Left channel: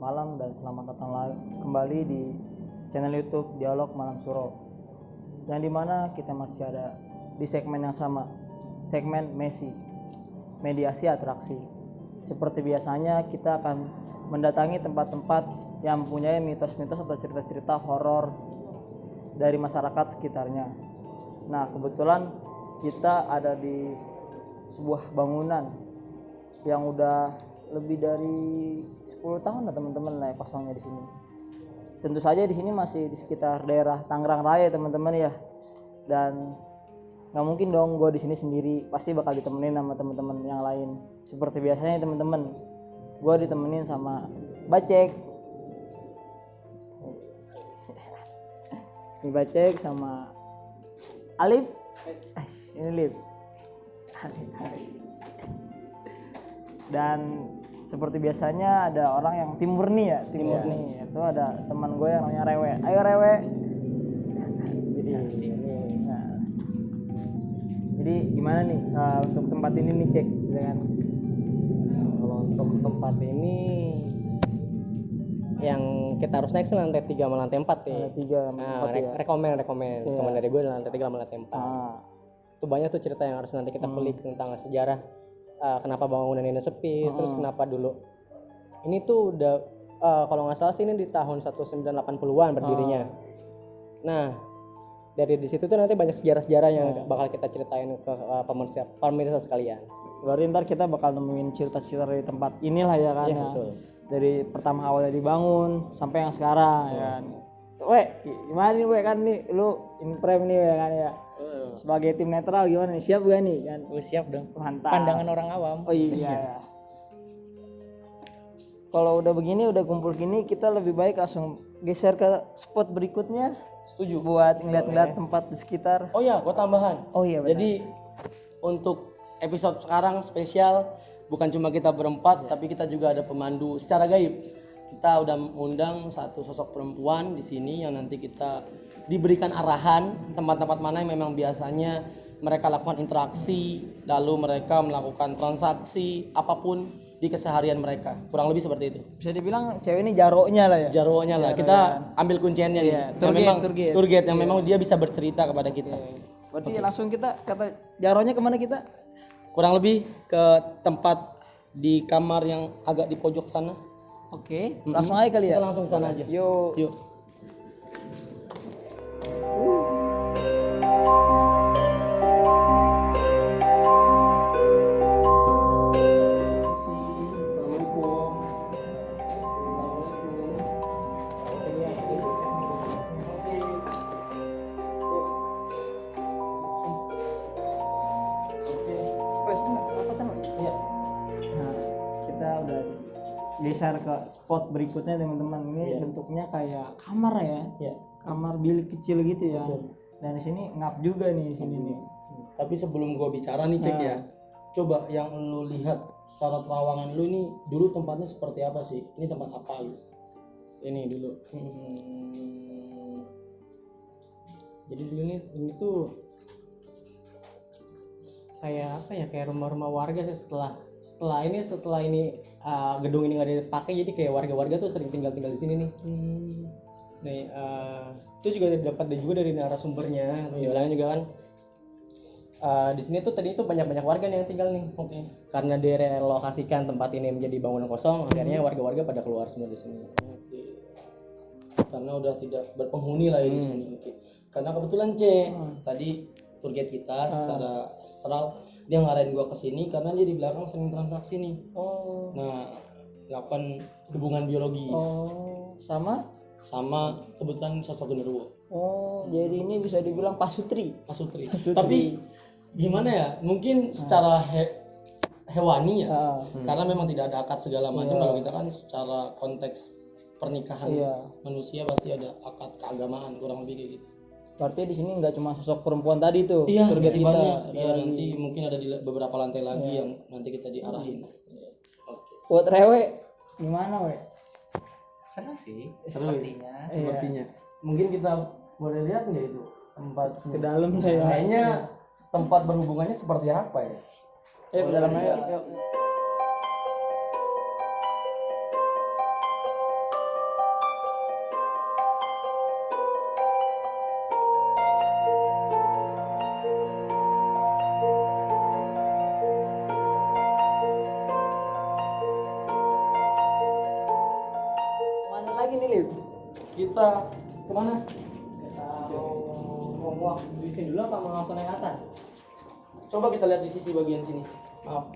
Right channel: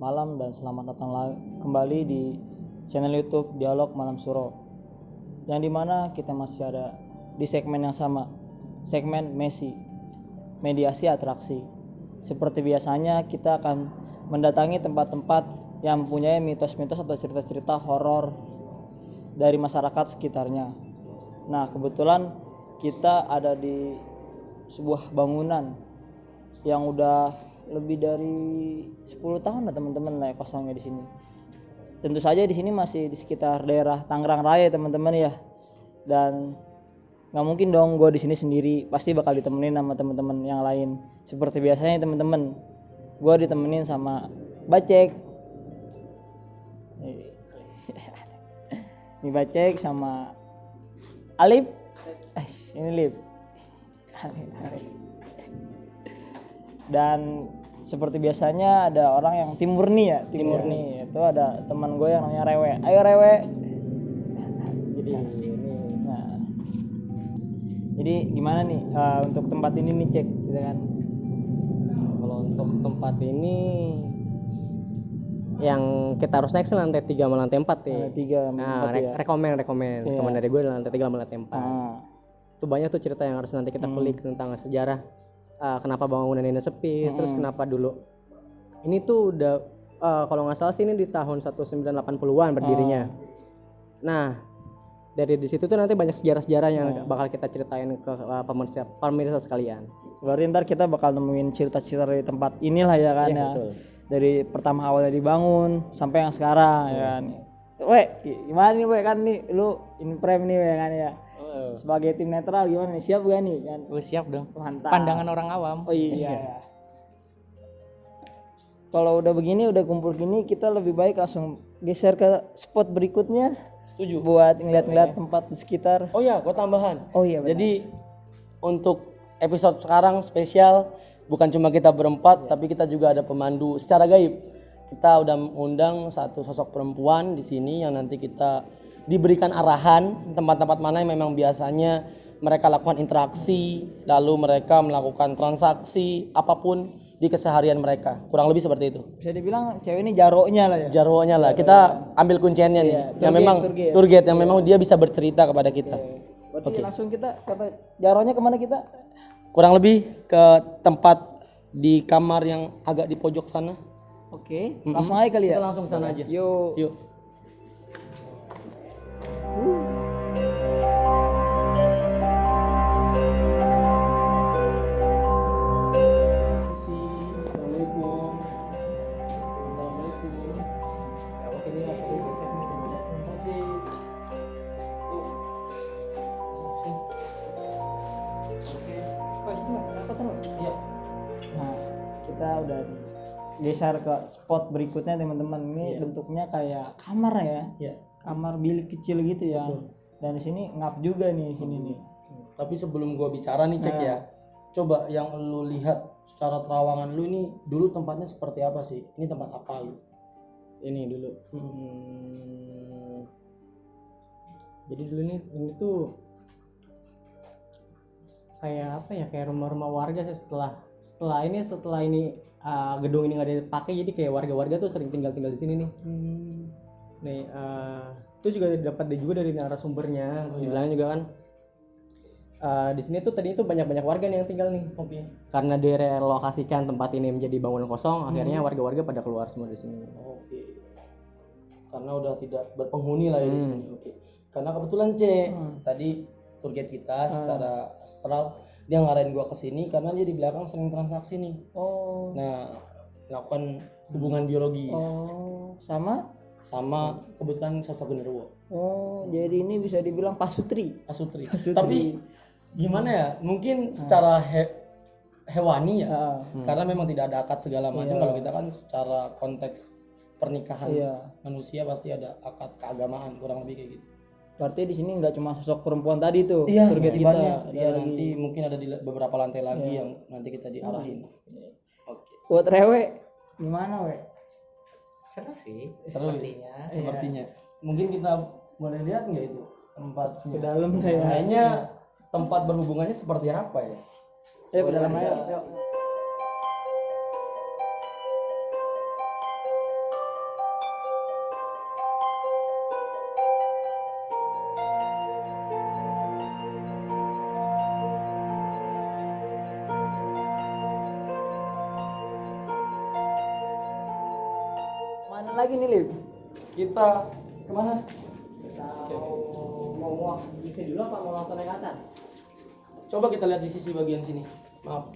malam dan selamat datang kembali di channel YouTube Dialog Malam Suro. Yang dimana kita masih ada di segmen yang sama, segmen Messi, mediasi atraksi. Seperti biasanya kita akan mendatangi tempat-tempat yang mempunyai mitos-mitos atau cerita-cerita horor dari masyarakat sekitarnya. Nah, kebetulan kita ada di sebuah bangunan yang udah lebih dari 10 tahun lah teman-teman lah kosongnya di sini. Tentu saja di sini masih di sekitar daerah Tangerang Raya teman-teman ya. Dan nggak mungkin dong gue di sini sendiri, pasti bakal ditemenin sama teman-teman yang lain. Seperti biasanya teman-teman, gue ditemenin sama Bacek. Ini Bacek sama Alip. Ini Lip. Dan seperti biasanya ada orang yang tim murni itu ada teman gue yang namanya Rewe. Ayo Rewe. Jadi gimana nih untuk tempat ini nih Cek gitu kan? Kalau untuk tempat ini yang kita harus naik sih lantai 3 sama lantai 4 ya. Lantai 3 sama 4 ya. Rekomen dari gue lantai 3 sama lantai 4. Itu banyak tuh cerita yang harus nanti kita kulik tentang sejarah. Kenapa bangunan ini sepi, terus kenapa dulu ini tuh udah kalau nggak salah sih ini di tahun 1980-an berdirinya. Nah dari di situ tuh nanti banyak sejarah-sejarah yang bakal kita ceritain ke pemirsa sekalian. Berarti ntar kita bakal nemuin cerita-cerita dari tempat inilah ya kan ya. Betul. Dari pertama awalnya dibangun sampai yang sekarang ya kan. Weh, gimana nih weh kan nih lu imprem nih ya kan ya. Sebagai tim netral gimana nih? Siap gak nih kan? Siap dong. Mantap. Pandangan orang awam. Oh iya ya. Kalau udah begini, udah kumpul gini, kita lebih baik langsung geser ke spot berikutnya. Setuju. Buat ngeliat-ngeliat tempat di sekitar. Oh ya, gua tambahan. Oh iya benar. Jadi untuk episode sekarang spesial, bukan cuma kita berempat, tapi kita juga ada pemandu secara gaib. Kita udah mengundang satu sosok perempuan di sini yang nanti kita diberikan arahan tempat-tempat mana yang memang biasanya mereka lakukan interaksi, lalu mereka melakukan transaksi apapun di keseharian mereka. Kurang lebih seperti itu. Bisa dibilang cewek ini jaroknya lah ya. Jarwonya lah. Kita ambil kunciannya nih. Yang memang tour guide yang memang dia bisa bercerita kepada kita. Berarti langsung kita kata jaroknya kemana kita? Kurang lebih ke tempat di kamar yang agak di pojok sana. Oke, langsung aja kali ya. Kita langsung sana aja. Yuk. Iya. Nah, kita udah geser ke spot berikutnya teman-teman. Ini bentuknya kayak kamar ya. Iya. Kamar bilik kecil gitu ya. Betul. Dan di sini ngap juga nih di sini nih. Tapi sebelum gua bicara nih Cek ya. Coba yang lu lihat secara terawangan lu ini dulu tempatnya seperti apa sih? Ini tempat apa lu? Ini dulu. Jadi dulu ini tuh kayak apa ya, kayak rumah-rumah warga sih. Setelah ini gedung ini nggak dipakai, jadi kayak warga-warga tuh sering tinggal di sini nih. Nih itu juga dapat juga dari narasumbernya. Bilangnya juga kan di sini tuh tadi itu banyak warga nih yang tinggal nih. Oke. Karena direlokasikan tempat ini menjadi bangunan kosong, akhirnya warga-warga pada keluar semua di sini. Oke. Karena udah tidak berpenghuni lah ya di sini. Oke. Karena kebetulan tadi tour guide kita secara astral dia ngarahin gua ke sini karena dia di belakang sering transaksi nih. Oh. Nah, melakukan hubungan biologis. Oh, sama Kebetulan sosok genderuwo. Oh, jadi ini bisa dibilang pasutri. Pasutri. Tapi gimana ya? Mungkin secara hewani ya. Karena memang tidak ada akad segala macam. Kalau kita kan secara konteks pernikahan manusia pasti ada akad keagamaan, kurang lebih kayak gitu. Berarti di sini nggak cuma sosok perempuan tadi tuh. Iya, masih banyak. Iya, nanti mungkin ada di beberapa lantai lagi yang nanti kita diarahin. Oke. Buat Rewe gimana, we? Seru sih Sepertinya. Mungkin kita boleh lihat nggak itu tempat Ke dalam ya. Kayaknya tempat berhubungannya seperti apa ya? Ke dalam aja. lagi nih, Lip? Kita kemana? Kita mau di sini dulu apa mau langsung naik atas? Coba kita lihat di sisi bagian sini. Maaf.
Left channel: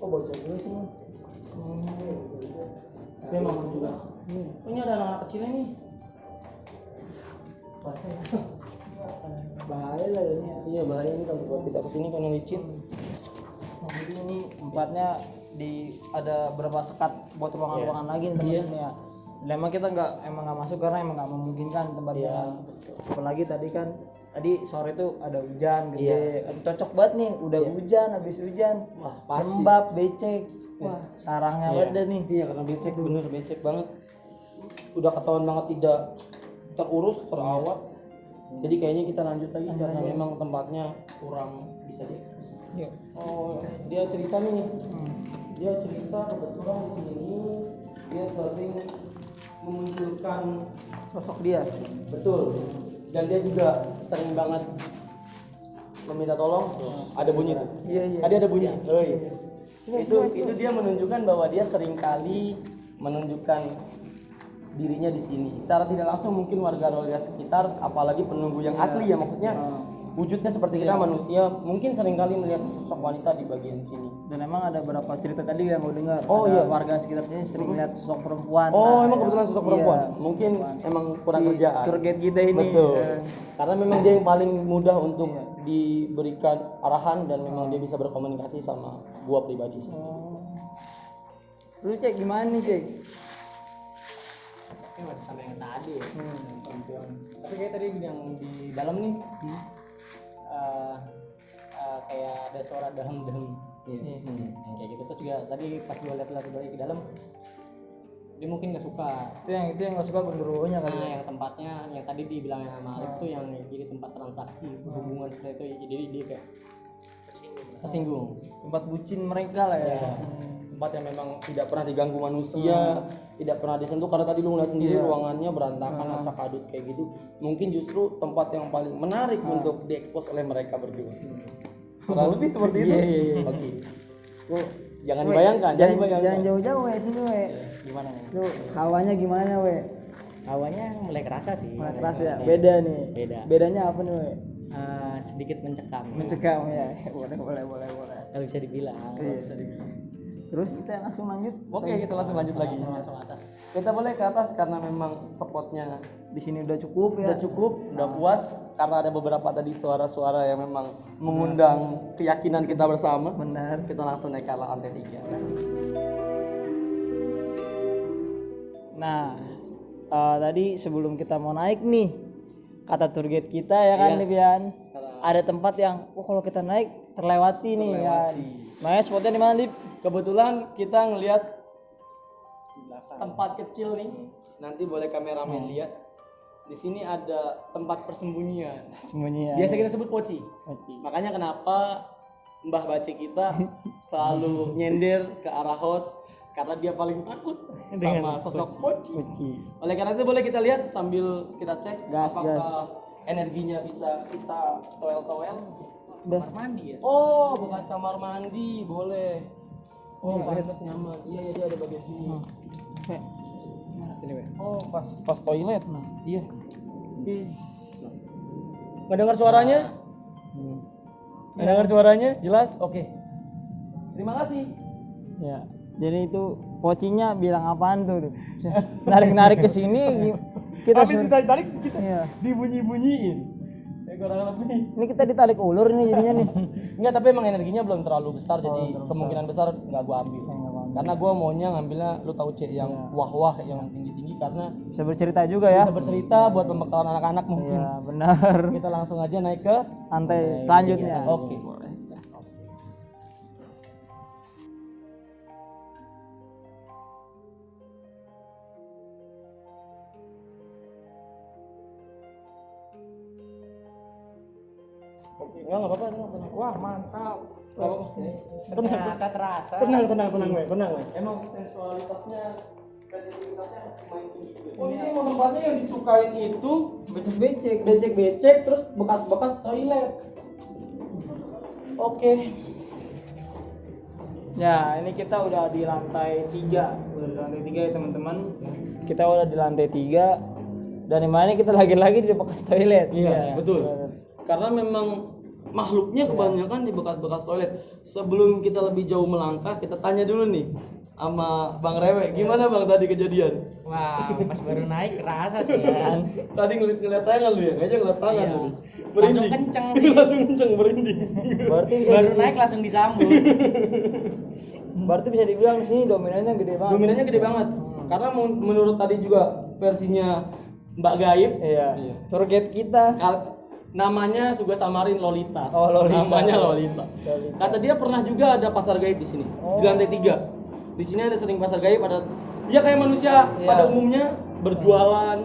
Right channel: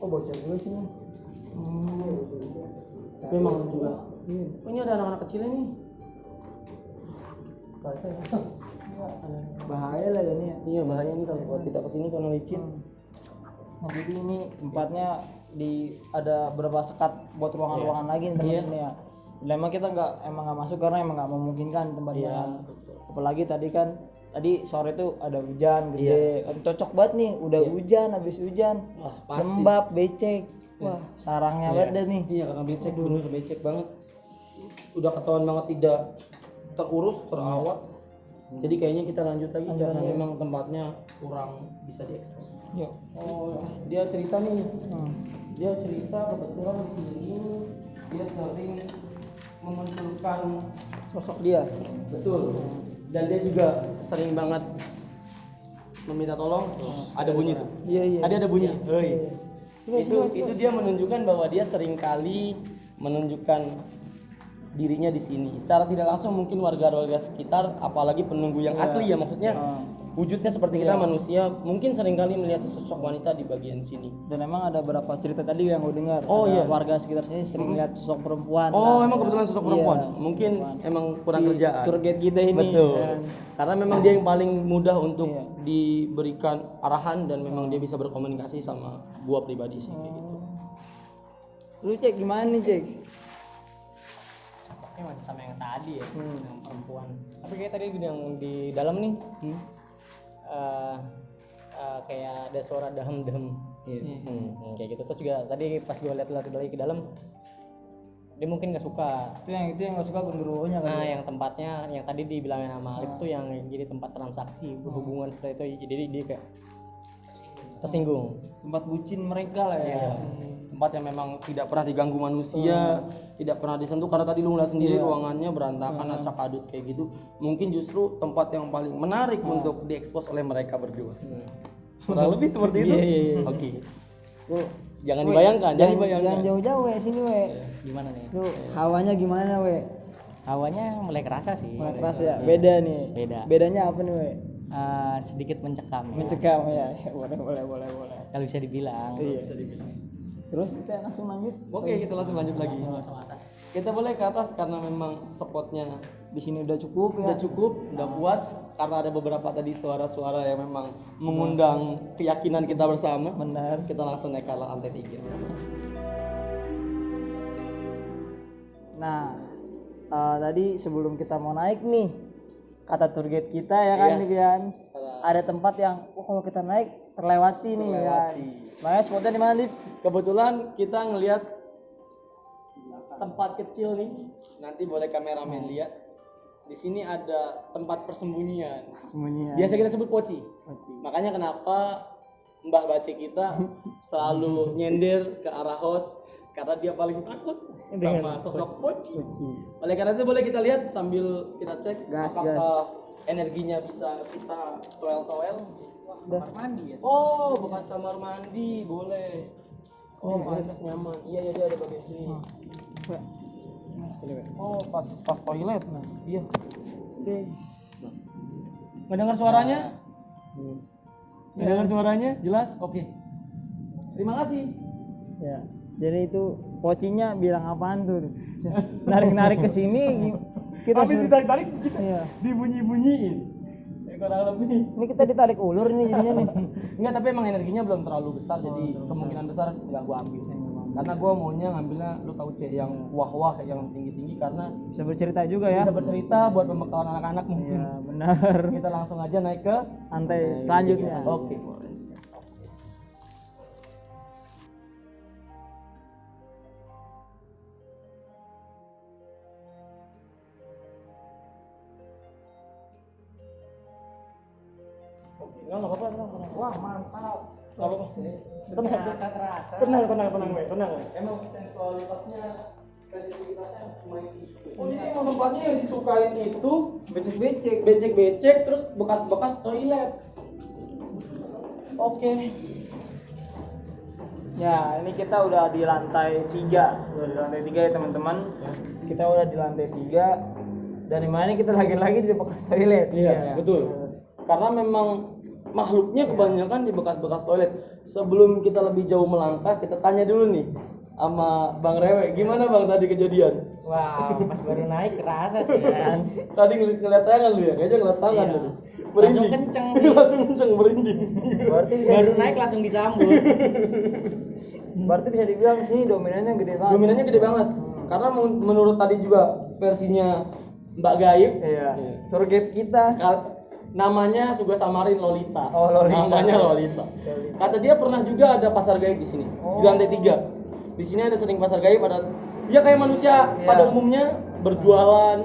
Oh, bocor dulu sini. Memang juga. Oh, ini ada anak-anak kecilnya nih. Bahaya lah ini ya. Iya, bahaya nih kalau kita kesini karena licin. Jadi ini tempatnya ada beberapa sekat buat ruangan-ruangan lagi nih teman-teman ya. Dan emang kita nggak masuk karena emang nggak memungkinkan tempatnya kan. Apalagi tadi sore itu ada hujan gede. Cocok banget nih, udah hujan, habis hujan. Wah, pasti. Lembab, becek. Wah, sarangnya banget deh nih. Iya, karena becek bener becek banget. Udah ketahuan banget tidak terurus, terawat. Jadi kayaknya kita lanjut lagi karena memang tempatnya kurang bisa diekspos. Yuk. Oh, dia cerita nih. Dia cerita kebetulan di sini dia sering memunculkan Sosok dia. betul. Dan dia juga sering banget meminta tolong. Ada bunyi tuh. Iya. Ada bunyi. Oh, iya. Coba. Itu dia menunjukkan bahwa dia sering kali menunjukkan dirinya di sini. Secara tidak langsung mungkin warga-warga sekitar, apalagi penunggu yang asli ya, maksudnya wujudnya seperti kita manusia, mungkin sering kali melihat sosok wanita di bagian sini. Dan emang ada beberapa cerita tadi yang gue dengar. Oh, ada iya. warga sekitar sini sering lihat sosok perempuan. Oh, Nah, emang kebetulan sosok perempuan. Iya, Mungkin emang kurang si kerjaan. tour guide kita ini. Betul. Ya. Karena memang dia yang paling mudah untuk Iya. diberikan arahan dan memang dia bisa berkomunikasi sama gua pribadi sih. Oh. Lu cek gimana nih cek? Masih sama yang tadi ya, yang perempuan. Tapi kayak tadi yang di dalam nih, kayak ada suara dahem-dahem. Kayak gitu. Terus juga tadi pas gue lihat lagi ke dalam, dia mungkin nggak suka. Itu yang nggak suka genderuwonya kali. Nah, yang tempatnya yang tadi dibilangin sama Alif tuh yang jadi tempat transaksi hubungan seperti itu, jadi dia kayak tersinggung. Tempat bucin mereka lah ya. Tempat yang memang tidak pernah diganggu manusia, tidak pernah disentuh, karena tadi lu ngeliat sendiri ruangannya berantakan, acak adut kayak gitu. Mungkin justru tempat yang paling menarik untuk diekspos oleh mereka berdua. Kurang lebih seperti itu. Iya. Oke. Jangan dibayangkan, Jangan jauh-jauh we sini we. Gimana nih? Lu hawanya gimana we? Hawanya mulai kerasa sih. Mulai keras ya. Beda nih. Beda. Bedanya apa nih we? Sedikit mencekam. Mencekam ya. Boleh. Kalau bisa dibilang. Iya. Terus kita langsung lanjut. Oke, kita langsung lanjut lagi. Langsung atas. Kita boleh ke atas karena memang spotnya Di sini udah cukup ya. udah cukup, udah puas, karena ada beberapa tadi suara-suara yang memang mengundang keyakinan kita bersama. Benar. Kita langsung naik ke lantai 3. Nah, tadi sebelum kita mau naik nih, kata tour guide kita ya kan nih Pian, ada tempat yang kalau kita naik terlewati nih kan. Nah, spotnya di mana Dip? Kebetulan kita ngelihat tempat kecil nih. Nanti boleh kameramen lihat. Di sini ada tempat persembunyian. Sembunyian. Biasa kita sebut poci. Makanya kenapa Mbah Bace kita selalu nyender ke arah host, karena dia paling takut sama sosok poci. Oleh karena itu boleh kita lihat sambil kita cek Gas. energinya bisa kita toel-toel. Udah. Mandi ya. Oh, bekas kamar mandi, boleh. Oh, pantas nyaman. Iya, dia ada bagian sini. Oh, pas toilet. Iya. Oke. Nggak dengar suaranya? Nggak dengar suaranya? Jelas? Oke. Terima kasih. Ya. Jadi itu pocinya bilang apaan tuh? Narik-narik ke sini kita ditarik kita iya. dibunyi-bunyiin. Kurang lebih. Ini kita ditarik ulur nih jadinya nih. Enggak, tapi emang energinya belum terlalu besar, jadi kemungkinan besar nggak gua ambil. Karena gua maunya ngambilnya, lu tahu cek yang wah-wah, yang tinggi-tinggi, karena Bisa bercerita juga ya. bisa bercerita buat pembekalan anak-anak mungkin. Ya, benar. Kita langsung aja naik ke Lantai selanjutnya. Oke. Enggak apa-apa, tenang. Wah, mantap. Enggak apa-apa. Tenang, weh. Emang sensualitasnya, sensitivitasnya lumayan tinggi. Oh, ini emang tempatnya yang disukain itu becek-becek, terus bekas-bekas toilet. Oke. Ya, ini kita udah di lantai 3. Udah di lantai 3 ya teman-teman. Kita udah di lantai 3. Dan dimana kita lagi-lagi di bekas toilet. Iya, betul. Karena memang makhluknya kebanyakan di bekas-bekas toilet. Sebelum kita lebih jauh melangkah, kita tanya dulu nih sama Bang Rewe, gimana Bang tadi kejadian? Wah, pas baru naik kerasa sih kan. Tadi ngeliat tangan lu ya, kayaknya ngeliat tangan Iya. lu. Langsung kenceng. Langsung kenceng merinding. Berarti bisa Baru naik langsung disambut. berarti bisa dibilang di sini dominannya gede banget. Dominannya gede banget. Karena menurut tadi juga versinya Mbak Gaib, Iya. Tour guide kita. namanya juga samarin Lolita. Oh, Lolita. Namanya Lolita. Kata dia pernah juga ada pasar gaib di sini. Di lantai 3. Di sini ada sering pasar gaib, ada ya kayak manusia pada umumnya berjualan.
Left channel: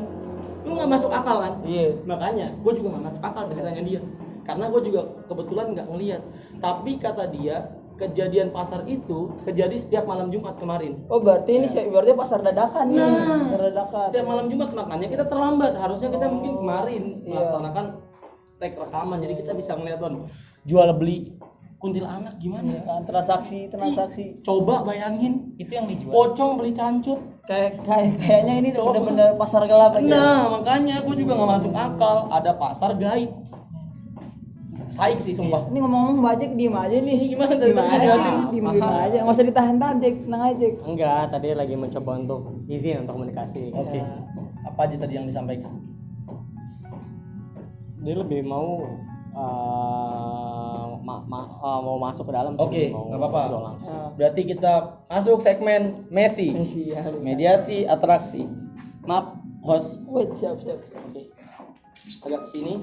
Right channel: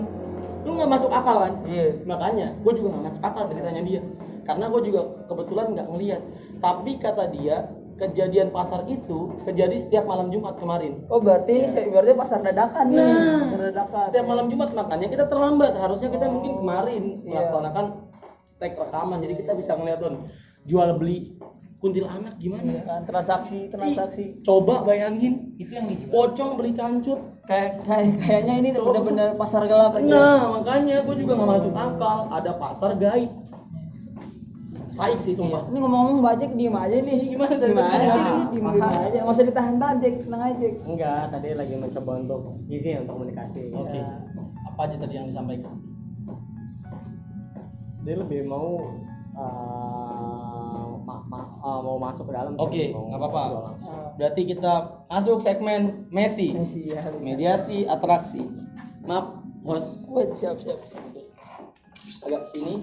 Lu nggak masuk akal kan? Iya. Makanya gue juga nggak masuk akal ceritanya dia. Karena gue juga kebetulan nggak ngelihat. Tapi kata dia kejadian pasar itu terjadi setiap malam Jumat kemarin. Oh, berarti ini berarti pasar dadakan nih. Pasar dadakan. Setiap malam Jumat, makanya kita terlambat. Harusnya kita mungkin kemarin melaksanakan tag rekaman, jadi kita bisa ngeliat jual beli kuntilanak gimana. Iya kan, transaksi. Coba bayangin, Itu yang dijual. pocong beli cancut. Kayaknya ini benar-benar pasar gelap aja. Nah, makanya gue juga nggak masuk akal. Ada pasar gaib. Saik sih sumpah. Ini ngomong-ngomong Mbak Cek diem aja nih. Gimana Diem ceritanya? aja, diem aja. Nggak usah ditahan-tahan Cek, tenang aja Cek. Enggak, tadi lagi mencoba untuk izin untuk komunikasi. Oke. Apa aja tadi yang disampaikan? Dia lebih mau mau masuk ke dalam sih. Oke, Mau nggak apa-apa. ngobrol langsung. Berarti kita masuk segmen Messi. Iya. Mediasi atraksi. Maaf, host. Wait, siap. Oke. Agak sini.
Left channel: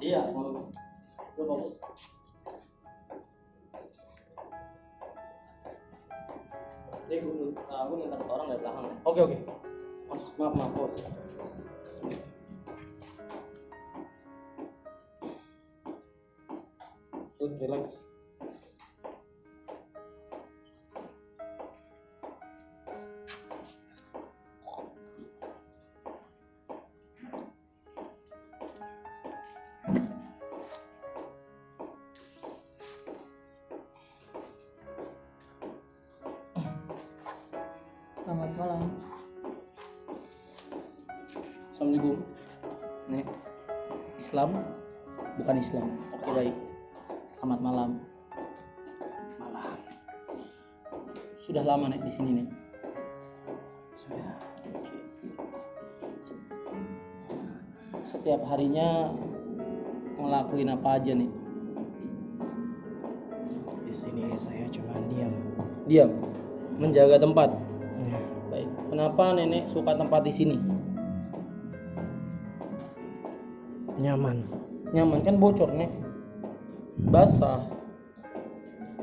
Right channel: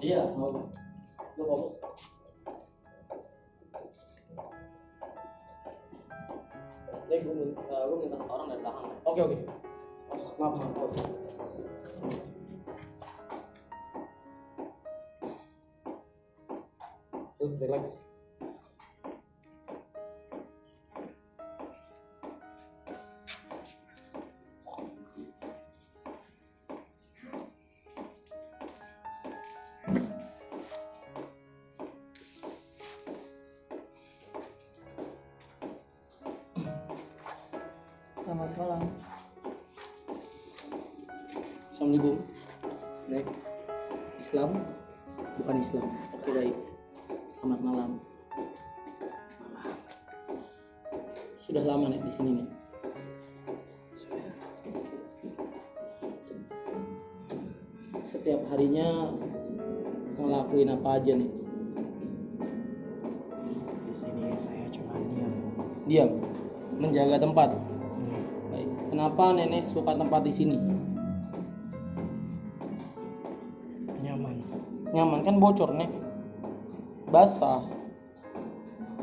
Iya, mau. Lu fokus. Gue minta satu orang dari belakang. Oke. Host, maaf, host. Terus relax. Selamat malam. Assalamualaikum. Nek. Islam bukan Islam. Oke, baik. Selamat malam. Sudah lama Nek di sini Nek? Sudah. Oke. Setiap harinya ngelakuin apa aja nih? Di sini saya cuma Diam. Menjaga tempat. Ya, Baik. Kenapa Nenek suka tempat di sini? Nyaman kan bocor Nek. Basah.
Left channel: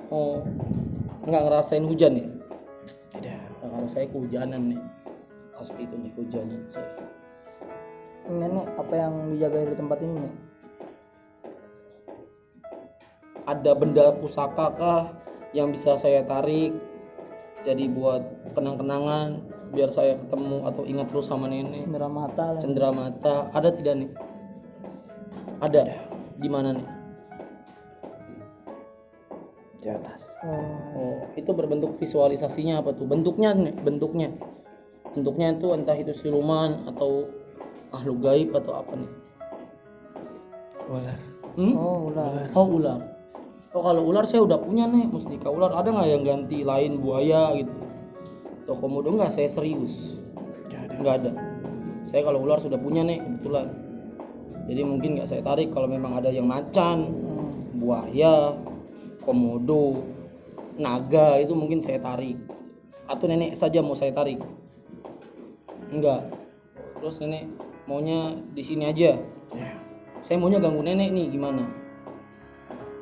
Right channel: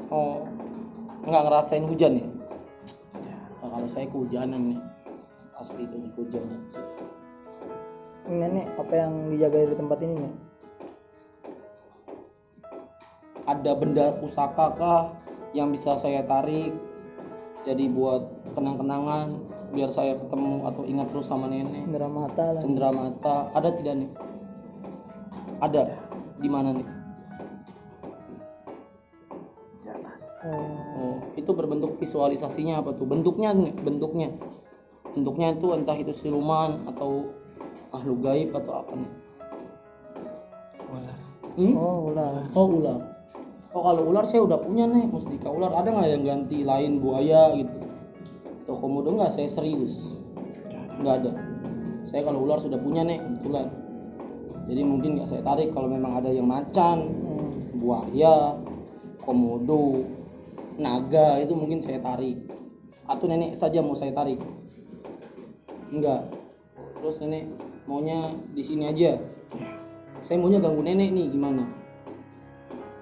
Oh. Nggak ngerasain hujan ya? tidak. Nah, kalau saya kehujanan nih. Pasti itu nih kehujanan saya. Nenek, apa yang dijaga dari tempat ini nih? Ada benda pusaka kah yang bisa saya tarik jadi buat kenang-kenangan biar saya ketemu atau ingat terus sama nenek? Cendera mata lah. Cendera mata ada tidak nih? Ada. Di mana nih? Di atas. Oh, itu berbentuk visualisasinya apa tuh? Bentuknya nih, bentuknya itu entah itu siluman atau makhluk gaib atau apa nih? Ular. Oh, ular. Oh, ular. Oh, kalau ular saya udah punya nih, mustika ular. Ada nggak yang ganti lain buaya gitu? Atau komodo nggak? Saya serius. Nggak ada. Saya kalau ular sudah punya nih kebetulan. Jadi mungkin nggak saya tarik kalau memang ada yang macan, buaya, komodo, naga itu mungkin saya tarik. Atau nenek saja mau saya tarik? Enggak. Terus nenek maunya di sini aja. Saya maunya ganggu nenek nih gimana?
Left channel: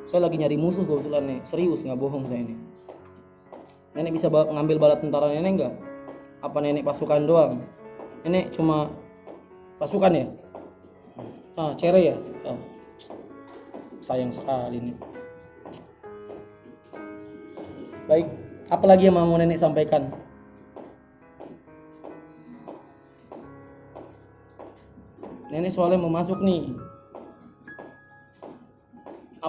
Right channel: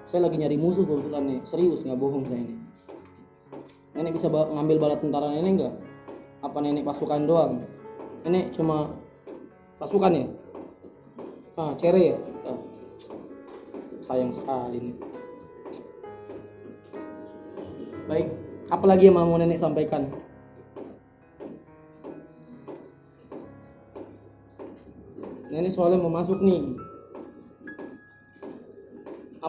Saya lagi nyari musuh kebetulan nih, serius nggak bohong saya nih. Nenek bisa ngambil bala tentara nenek nggak? Apa nenek pasukan doang? Nenek cuma pasukan ya? Ah, cere ya? Ah. Sayang sekali nih. Baik, apalagi yang mau nenek sampaikan? Nenek soalnya mau masuk nih.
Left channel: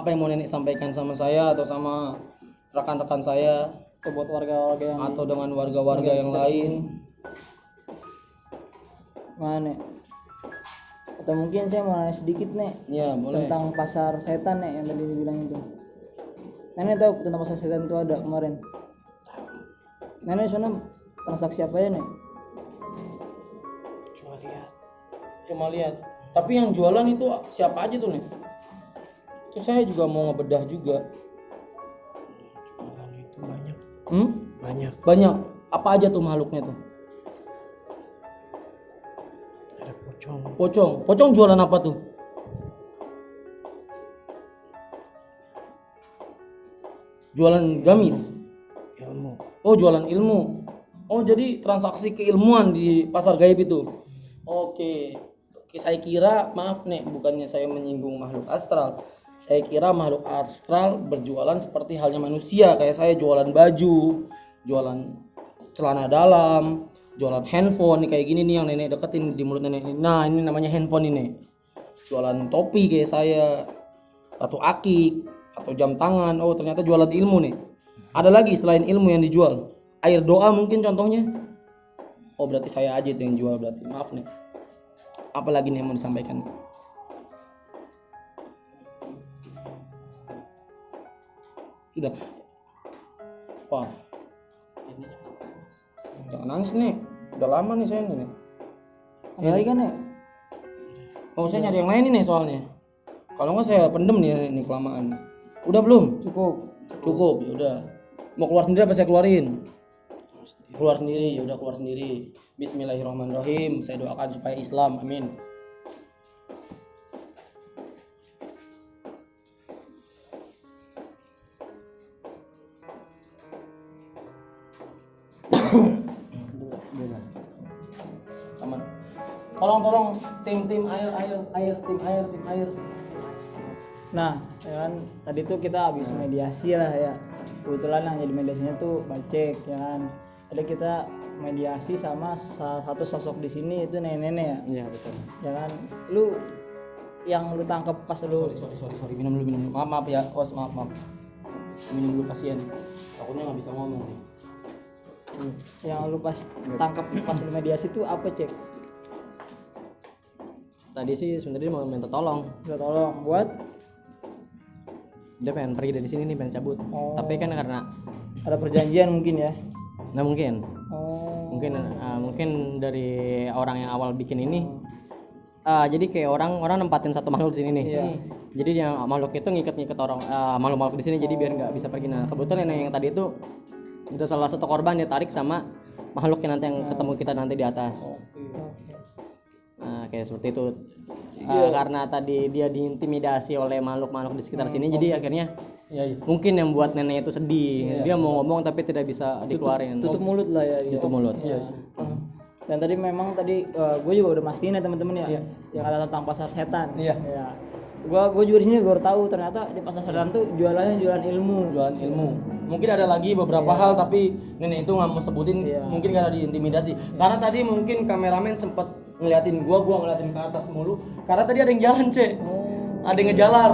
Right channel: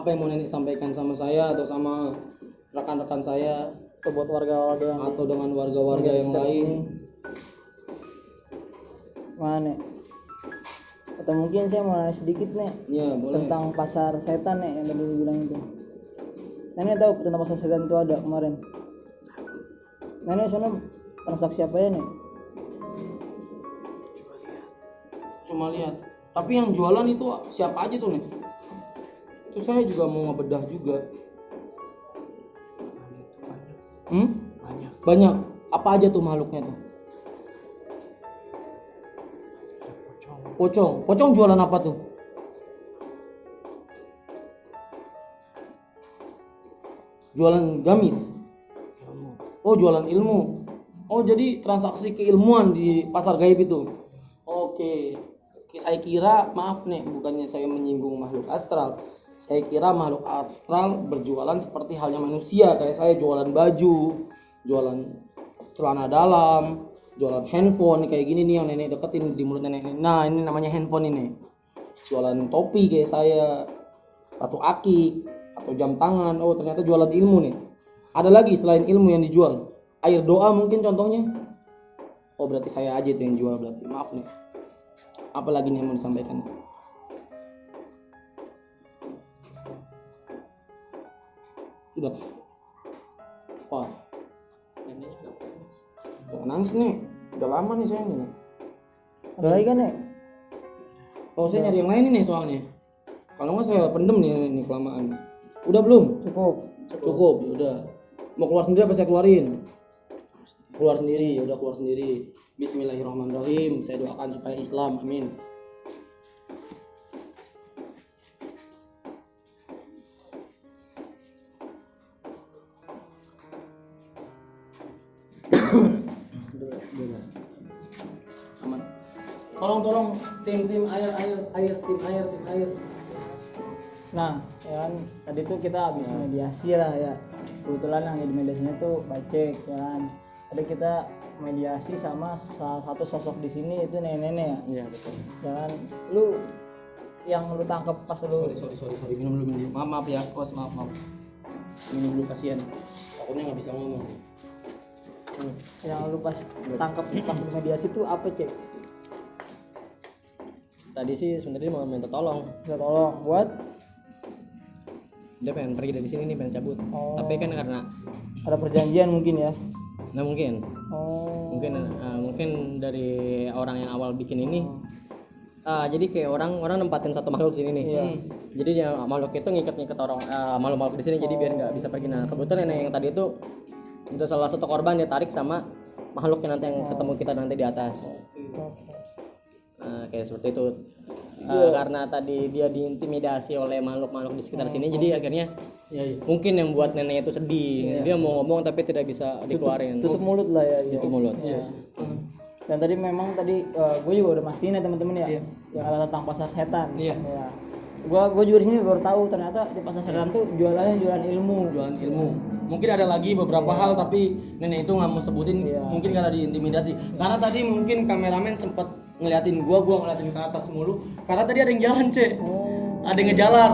apa yang mau nenek sampaikan sama saya atau sama rekan-rekan saya Atau buat warga-warga yang atau dengan warga-warga yang sekitar lain. sini. Mana? Atau mungkin saya mau nanya sedikit nih Ya, boleh. tentang pasar setan nih yang tadi dibilang itu. Nenek tahu tentang pasar setan itu ada kemarin. Nenek soalnya transaksi apa ya nih? Cuma lihat. Tapi yang jualan itu siapa aja tuh nih? Itu saya juga mau ngebedah juga. Jualan itu banyak. Banyak. Banyak. Apa aja tuh makhluknya tuh? Ada pocong. Pocong. Pocong jualan apa tuh? Jualan gamis. Ilmu. Oh, jualan ilmu. Oh, jadi transaksi keilmuan di pasar gaib itu. Oke. Oke, saya kira, maaf nih, bukannya saya menyinggung makhluk astral. Saya kira makhluk astral berjualan seperti halnya manusia, kayak saya jualan baju, jualan celana dalam, jualan handphone kayak gini nih yang nenek deketin di mulut nenek. Nah, ini namanya handphone ini. Jualan topi kayak saya, batu akik atau jam tangan. Oh, ternyata jualan ilmu nih. Ada lagi selain ilmu yang dijual? Air doa mungkin contohnya. Oh, berarti saya aja itu yang jual berarti. Maaf nih. Apalagi nih yang mau disampaikan? Sudah. Wah. Jangan nangis nih. Udah lama nih saya nih. Ada lagi kan nih? Oh, saya nyari yang lain nih soalnya. Kalau nggak saya pendem nih kelamaan. Udah belum? Cukup. Cukup, ya udah. Mau keluar sendiri apa saya keluarin? Keluar sendiri, udah keluar sendiri. Bismillahirrahmanirrahim. Saya doakan supaya Islam, amin. Aman. Tolong tim air. Nah, ya kan tadi tuh kita habis mediasi lah ya. Kebetulan yang jadi mediasinya tuh Bacek ya kan. Tadi kita mediasi sama salah satu sosok di sini itu nenek-nenek ya. Iya, betul. Ya kan, lu yang lu tangkap pas lu Sorry. Minum dulu. Maaf ya, bos, maaf. Minum dulu, kasihan. Takutnya nggak bisa ngomong. yang lu pas tangkap pas lu mediasi tuh apa, Cek? Tadi sih sebenarnya mau minta tolong. Minta tolong buat Dia pengen pergi dari sini nih, pengen cabut. Oh. Tapi kan karena ada perjanjian mungkin ya. nah mungkin Oh. dari orang yang awal bikin ini jadi kayak orang nempatin satu makhluk di sini nih. Iya. Jadi yang makhluk itu ngikat orang makhluk di sini jadi biar nggak bisa pergi. Nah kebetulan nenek yang tadi itu salah satu korban dia tarik sama makhluk yang nanti yang ketemu kita nanti di atas. Oke. Nah kayak seperti itu. Karena tadi dia diintimidasi oleh makhluk-makhluk di sekitar sini, jadi akhirnya mungkin yang buat nenek itu sedih. Dia mau ngomong tapi tidak bisa dikeluarin. Tutup mulut lah ya. Tutup mulut. Iya. Dan tadi memang gue juga udah mastiin ya teman-teman ya, yang ada tentang pasar setan. Iya. Ya. Gue juga di sini baru tahu ternyata di pasar setan tuh jualannya jualan ilmu. Jualan ilmu. Mungkin ada lagi beberapa hal tapi nenek itu nggak mau sebutin, mungkin karena diintimidasi. Karena tadi mungkin kameramen sempat ngeliatin gua ngeliatin ke atas mulu. Karena tadi ada yang jalan, Cek. Ada yang ngejalar.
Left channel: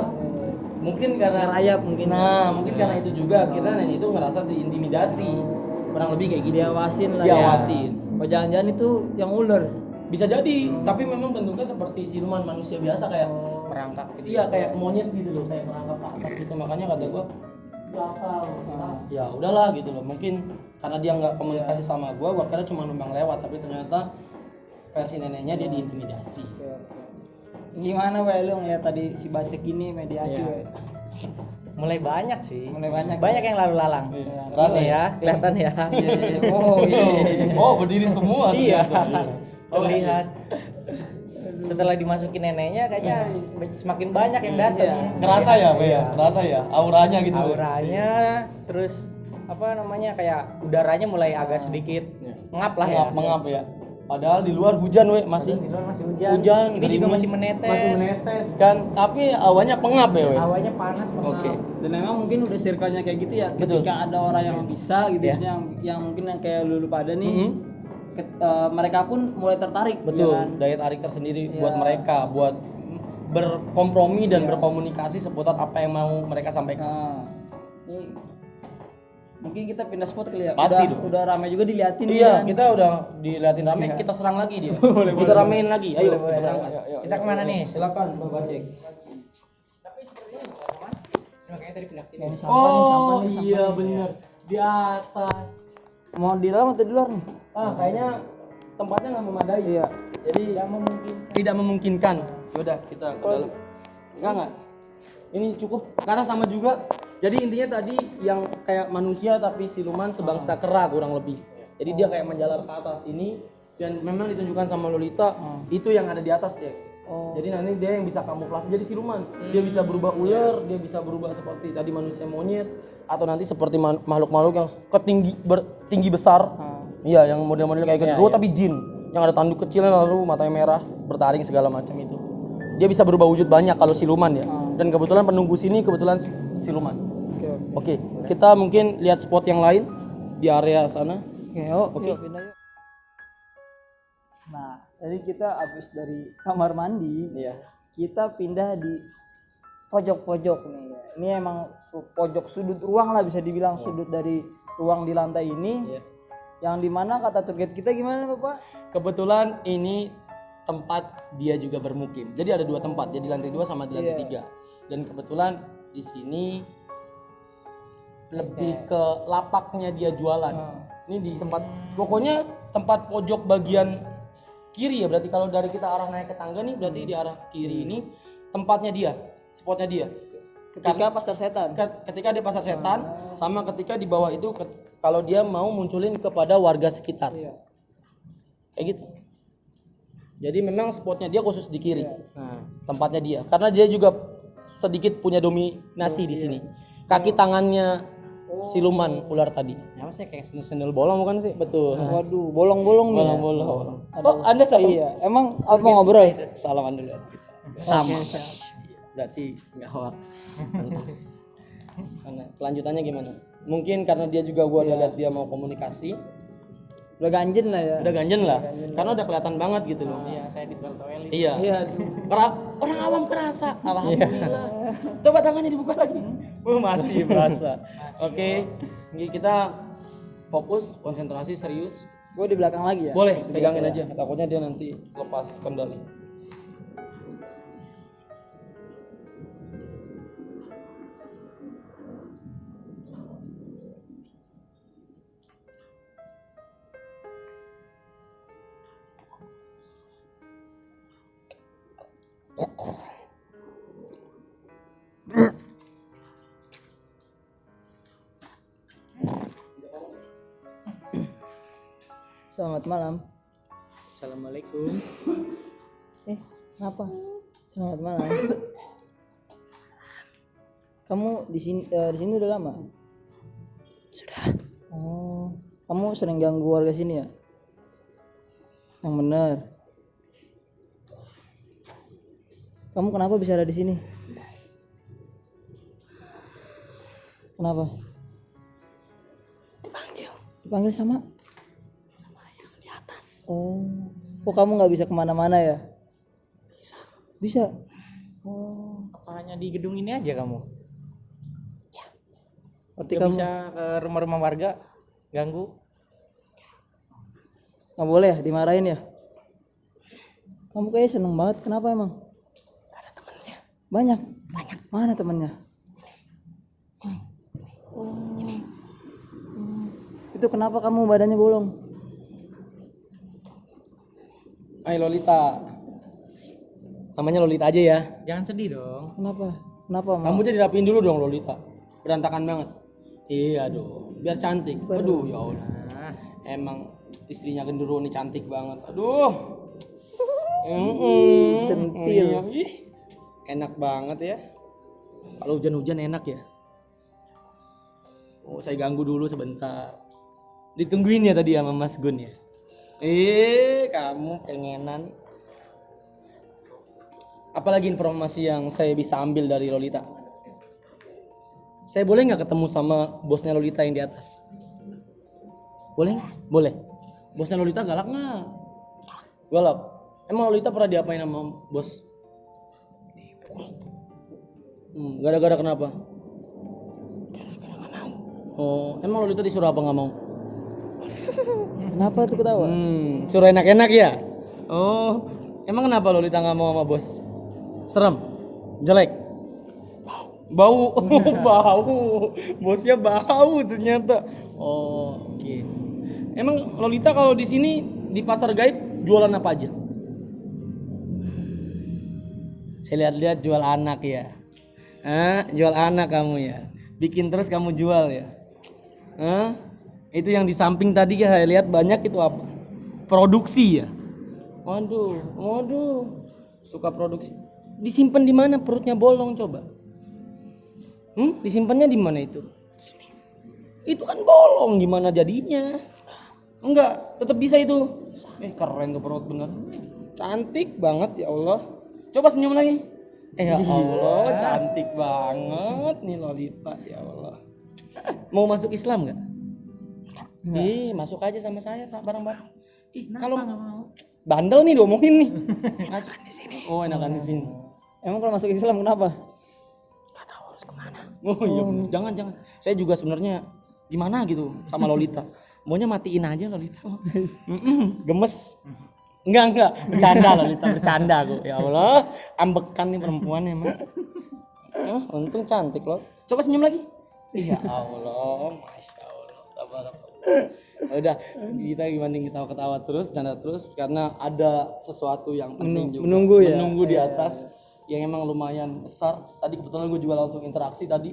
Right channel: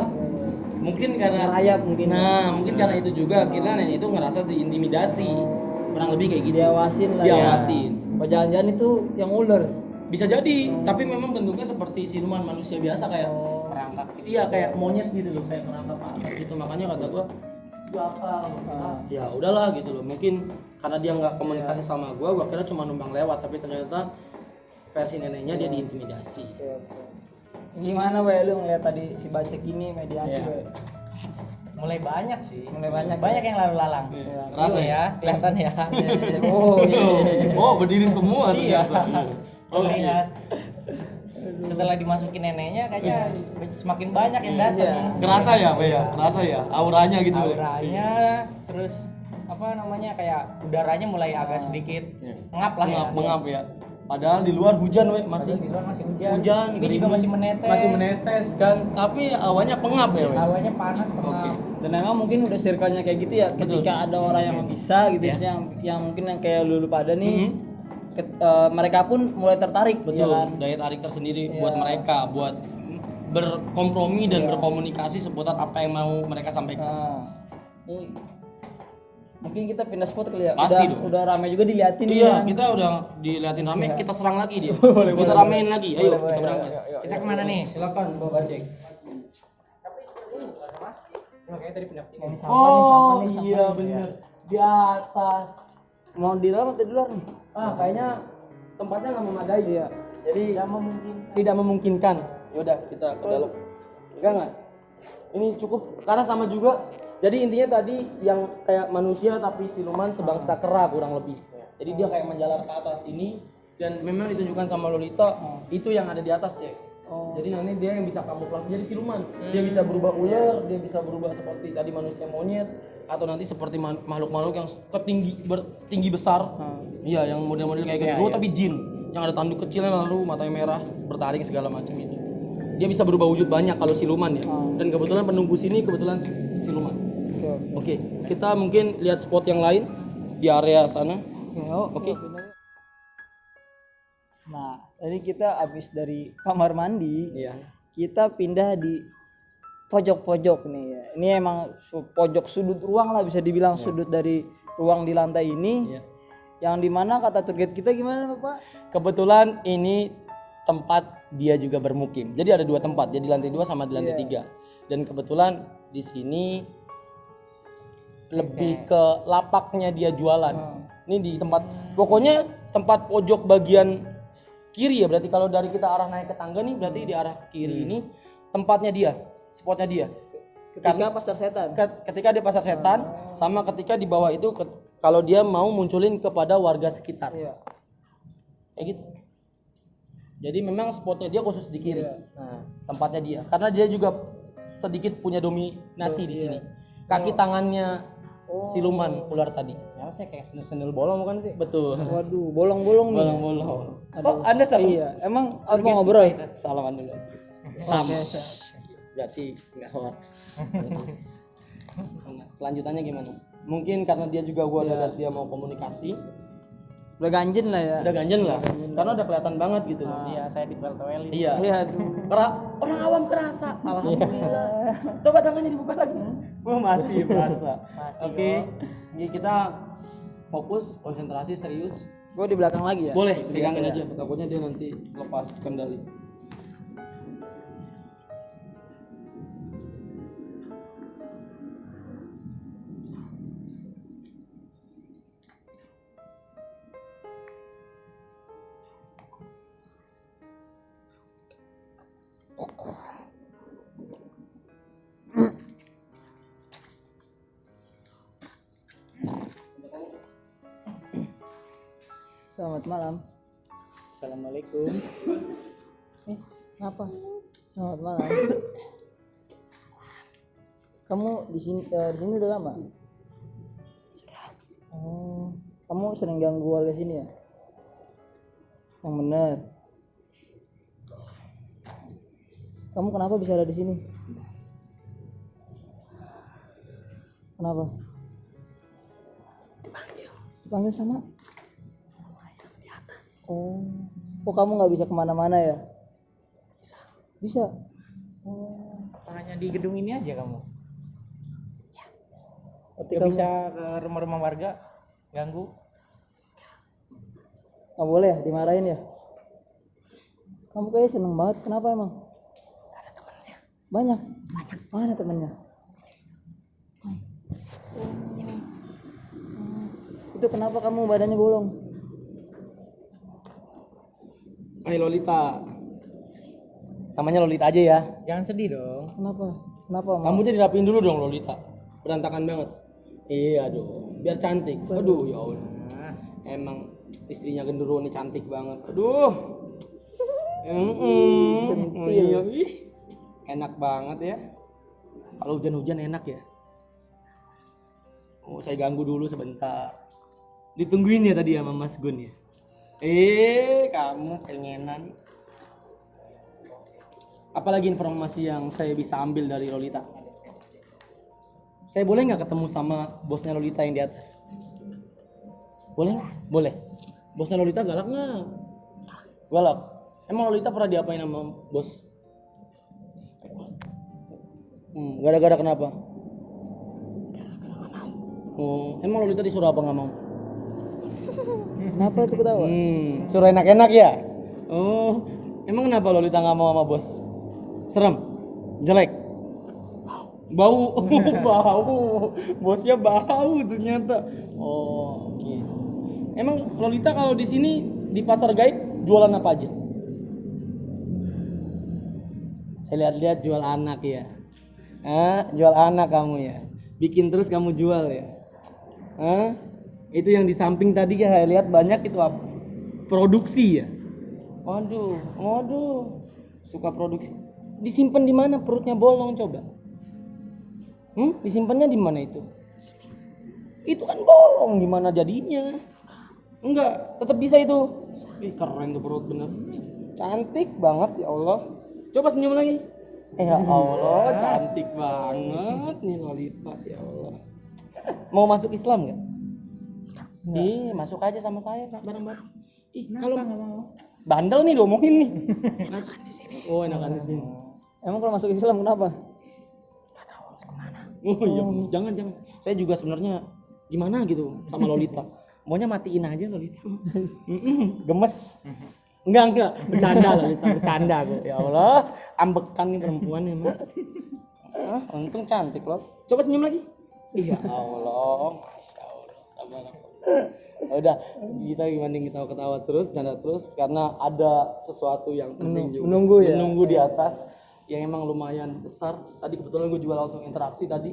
Mungkin karena Ngerayap mungkin. Nah, mungkin karena itu juga kita nenek itu ngerasa diintimidasi. Kurang lebih kayak gitu. Diawasin lah Diawasin. ya. Jangan-jangan itu yang ular. Bisa jadi, tapi memang bentuknya seperti siluman manusia biasa kayak merangkak gitu. Iya, kayak monyet gitu loh, kayak merangkak ke atas gitu. Makanya kata gua apa? Ya udahlah gitu loh. Mungkin karena dia nggak komunikasi sama gua kira cuma numpang lewat, tapi ternyata versi neneknya dia diintimidasi. Oke. Gimana we lu ngeliat tadi si Bacek ini mediasi we? Mulai banyak sih. Mulai banyak yang lalu lalang. Iya. Rasa ya, kelihatan ya. Oh iya. Oh, berdiri semua Iya. ternyata. Terlihat. Setelah dimasukin neneknya kayaknya semakin banyak yang datang. Iya. Ngerasa ya, Pak ya? Ngerasa ya, auranya gitu. Auranya, terus apa namanya kayak udaranya mulai agak sedikit ngap lah ya. Mengap ya. Padahal di luar hujan, we, masih Di luar masih hujan. Ini juga gerimis, masih menetes. Masih menetes kan, tapi awannya pengap ya, we. Hawanya panas banget. Oke. Dan memang mungkin udah circle-nya kayak gitu ya. Ketika ada orang yang bisa gitu yang mungkin yang kayak lu pada nih mereka pun mulai tertarik. Betul, ya kan? daya tarik tersendiri buat mereka, buat berkompromi dan berkomunikasi seputar apa yang mau mereka sampaikan. Nah, ini mungkin kita pindah spot kali ya. Pasti dong. Udah ramai juga diliatin nih Iya, kan. kita udah diliatin rame, kita serang lagi dia. Boleh, Kita boleh, ramein lagi. Ayo, Boleh, kita berangkat. yuk. Kita kemana nih? Silakan, Bapak Cek. Makanya tadi pindah sini. Ini sampah nih, sampah nih, sampah iya nih. bener. Di atas. Mau di dalam atau di luar nih? Kayaknya tempatnya nggak memadai. Iya. Jadi Mungkin. tidak memungkinkan. Yaudah, kita ke dalam. Enggak. Ini cukup karena sama juga. Jadi intinya tadi yang kayak manusia tapi siluman sebangsa kera kurang lebih. Jadi dia kayak menjalar ke atas ini dan memang ditunjukkan sama Lolita itu yang ada di atas ya. Jadi nanti dia yang bisa kamuflase jadi siluman. Dia bisa berubah ular, dia bisa berubah seperti tadi manusia monyet atau nanti seperti makhluk-makhluk yang tinggi besar. Iya, yang model-model kayak genderuwo tapi jin yang ada tanduk kecilnya lalu matanya merah, bertaring segala macam itu. Dia bisa berubah wujud banyak kalau siluman ya. Dan kebetulan penunggu sini kebetulan siluman. Oke, kita mungkin lihat spot yang lain di area sana. Oke. Nah, tadi kita habis dari kamar mandi. Iya. Kita pindah di pojok-pojok nih ya. Ini emang pojok sudut ruang lah bisa dibilang sudut dari ruang di lantai ini. Iya. Yang dimana kata tour guide kita gimana Bapak? Kebetulan ini tempat dia juga bermukim. Jadi ada 2 tempat, jadi lantai 2 sama di lantai 3. Dan kebetulan di sini lebih ke lapaknya dia jualan. Ini di tempat pokoknya tempat pojok bagian kiri ya, berarti kalau dari kita arah naik ke tangga nih berarti di arah kiri ini tempatnya dia, spotnya dia. Ketika pasar setan. Ketika di pasar setan sama ketika di bawah itu kalau dia mau munculin kepada warga sekitar. Kayak gitu. Jadi memang spotnya dia khusus di kiri. Tempatnya dia. Karena dia juga sedikit punya dominasi di sini. Kaki tangannya siluman ular tadi. Ya, saya kayak sendal bolong bukan sih? Betul. Waduh, bolong-bolong nih. Bolong-bolong. Ada- Oh, Anda tahu? Iya, emang apa ngobrol? Salaman dulu. Sama. Berarti nggak hoax. Terus. Kelanjutannya gimana? Mungkin karena dia juga gua udah lihat dia mau komunikasi. Udah ganjen lah ya. Udah ganjen lah. Karena udah kelihatan banget gitu loh. Iya, saya di toel ini. Iya. Iya, aduh. Orang awam kerasa. Alhamdulillah. Coba tangannya dibuka lagi. Masih berasa. Oke. Ini kita fokus, konsentrasi, serius. Gue di belakang lagi ya. Boleh, pegangin aja. Takutnya dia nanti lepas kendali. Selamat malam. Assalamualaikum. Kenapa? Selamat malam. Kamu di sini udah lama? Sudah. Oh, kamu sering ganggu warga sini ya? Yang benar. Kamu kenapa bisa ada di sini? Kenapa? Dipanggil sama? Yang di atas. Oh, kamu nggak bisa kemana-mana ya? Bisa. Oh, Apa hanya di gedung ini aja kamu? berarti Gak kamu bisa ke rumah-rumah warga ganggu? nggak boleh ya dimarahin ya? Kamu kayaknya seneng banget. Kenapa emang? Gak ada temennya. Banyak. Mana temennya? Itu kenapa kamu badannya bolong? Hai Lolita. Namanya Lolita aja ya. Jangan sedih dong. Kenapa? Kenapa? Emang? Kamu jadi rapiin dulu dong Lolita. Berantakan banget. Iya dong. Biar cantik. Aduh ya Allah. Emang istrinya genderuwo nih cantik banget. Aduh. Centil. Iya, ih. Enak banget ya. Kalau hujan-hujan enak ya. Oh, saya ganggu dulu sebentar. Ditungguin ya tadi sama Mas Gun ya. Kamu pengenan. Apalagi informasi yang saya bisa ambil dari Lolita? Saya boleh nggak ketemu sama bosnya Lolita yang di atas? Boleh? Boleh. Bosnya Lolita galak nggak? Galak. Emang Lolita pernah diapain sama bos? Gara-gara kenapa? Oh, emang Lolita disuruh apa nggak mau? Kenapa tuh ketawa? Suruh enak-enak ya? Oh, emang kenapa Lolita nggak mau sama bos? Serem? Jelek? Bau? Bau? Bosnya bau ternyata. Oh, oke. Emang Lolita kalau di sini di pasar gaib jualan apa aja? Saya lihat-lihat jual anak ya. Jual anak kamu ya. Bikin terus kamu jual ya. Itu yang di samping tadi ya saya lihat banyak itu apa? Produksi ya. Waduh. Suka produksi. Disimpan di mana perutnya bolong coba? Disimpannya di mana itu? Itu kan bolong, gimana jadinya? Enggak, tetap bisa itu. Keren tuh perut bener. Cantik banget ya Allah. Coba senyum lagi. Ya Allah, cantik banget nih Lolita ya Allah. Mau masuk Islam nggak? Masuk aja sama saya bareng-bareng. Kalau bandel nih diomongin nih. Masuk di sini. Oh, enakan di sini. Emang kalau masuk Islam kenapa? Gak tahu harus kemana. Iya, jangan. Saya juga sebenarnya gimana gitu sama Lolita. Maunya matiin aja Lolita. Gemes. Enggak, bercanda Lolita, bercanda kok. Ya Allah, ambekan nih perempuan emang. Untung cantik loh. Coba senyum lagi. Ya Allah, Masya Allah. Udah, kita gimana ketawa-ketawa terus, canda terus karena ada sesuatu yang penting juga. Menunggu di atas yang emang lumayan besar. Tadi kebetulan gue juga langsung interaksi tadi.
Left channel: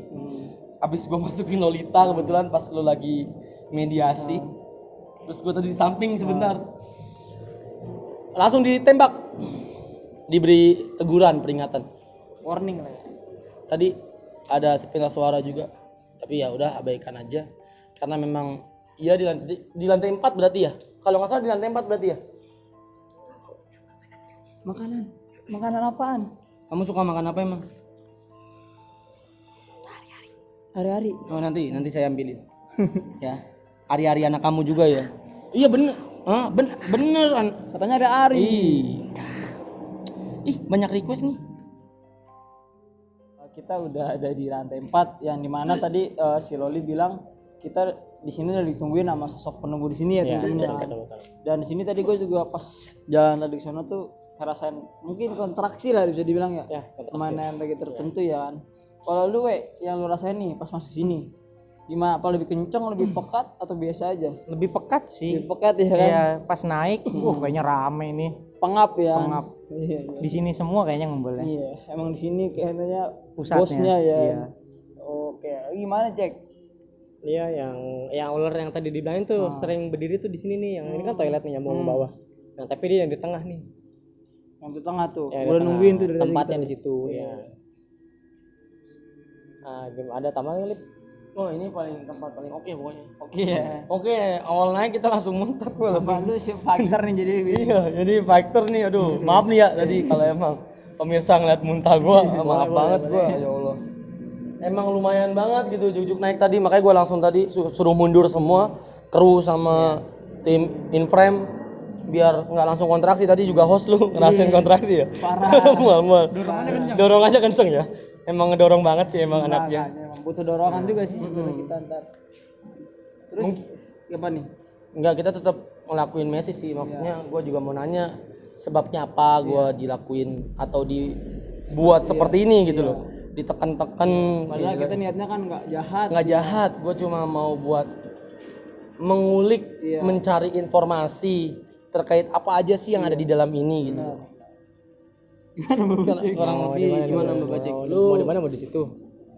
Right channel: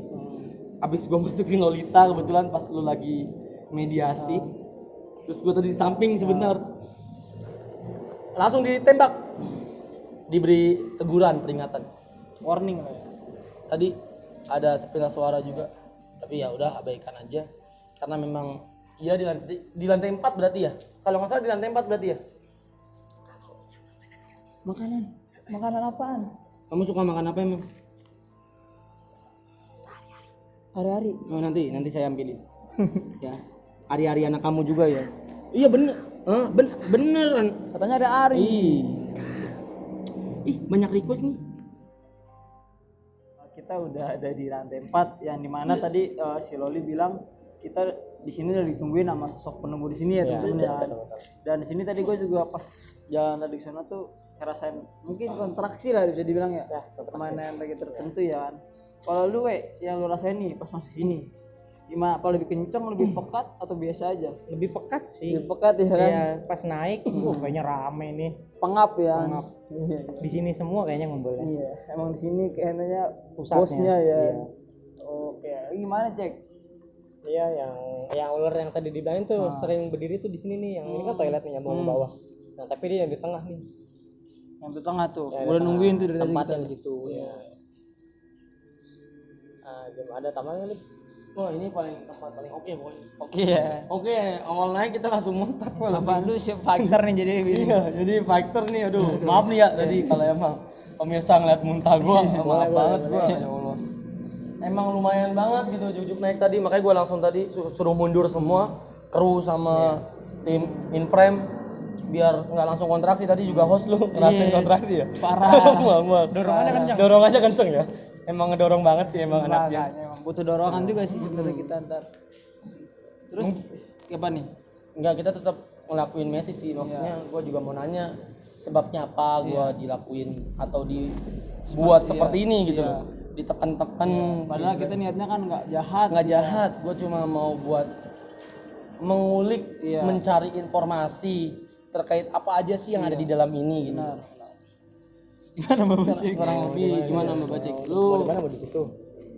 Abis gue masukin Lolita kebetulan pas lu lagi mediasi. Terus gue tadi di samping sebentar. Langsung ditembak. Diberi teguran, peringatan. Warning lah ya. Tadi ada sepintas suara juga. Tapi ya udah abaikan aja. Karena memang iya di lantai 4 berarti ya. Kalau nggak salah di lantai 4 berarti ya. Makanan apaan? Kamu suka makan apa emang? Hari-hari. Oh nanti saya ambilin. Ya. Hari-hari anak kamu juga ya. Iya bener. Beneran. Katanya ada Ari. Ih, banyak request nih. Kita udah ada di lantai 4 yang dimana tadi si Loli bilang kita di sini udah ditungguin sama sosok penunggu di sini ya teman-teman. Dan di sini tadi gue juga pas jalan tadi ke sana tuh ngerasain mungkin kontraksi lah bisa dibilang ya. Mana lagi tertentu ya kan. Kalau lu yang lu rasain nih pas masuk sini gimana? Apa lebih kenceng, lebih pekat atau biasa aja? Lebih pekat sih. Lebih pekat ya kan? Iya, pas naik kayaknya rame nih. Pengap ya. Pengap. Iya. Di sini semua kayaknya ngumpulnya. Iya, emang di sini kayaknya Pusatnya. bosnya ya. Iya. Oke, gimana cek? Iya, yang ular yang tadi dibilangin tuh sering berdiri tuh di sini nih. Yang ini kan toilet nih nyambung ke bawah. Nah, tapi dia yang di tengah nih. Yang di tengah tuh. Yang Udah nungguin tuh dari tempatnya tadi di situ ya. Belum ada tambahan Lip. Oh ini tempat paling oke pokoknya. Oke ya. Oke, awal naik kita langsung muntah. Apa lu si fighter nih jadi Iya, jadi fighter nih. Aduh, maaf nih ya tadi kalau emang pemirsa ngeliat muntah gua, maaf banget gua. Ya Allah. Emang lumayan banget gitu jujuk naik tadi, makanya gua langsung tadi suruh mundur semua kru sama tim inframe biar nggak langsung kontraksi. Tadi juga host lu ngerasain kontraksi ya. Parah. Mama. Dorongannya kencang. Dorong aja kenceng ya. Emang ngedorong banget sih emang anaknya. Emang butuh dorongan juga sih sebenarnya kita ntar. Terus apa nih? Enggak, kita tetap ngelakuin Messi sih. Maksudnya gua juga mau nanya sebabnya apa gua dilakuin atau dibuat seperti ini gitu loh. Ditekan-tekan. Padahal kita niatnya kan nggak jahat. Nggak jahat, gue cuma mau buat mengulik, mencari informasi terkait apa aja sih yang ada di dalam ini gitu. Gimana Mbak Bacek? Orang lebih gimana Mbak Bacek? Mau di mana mau di situ?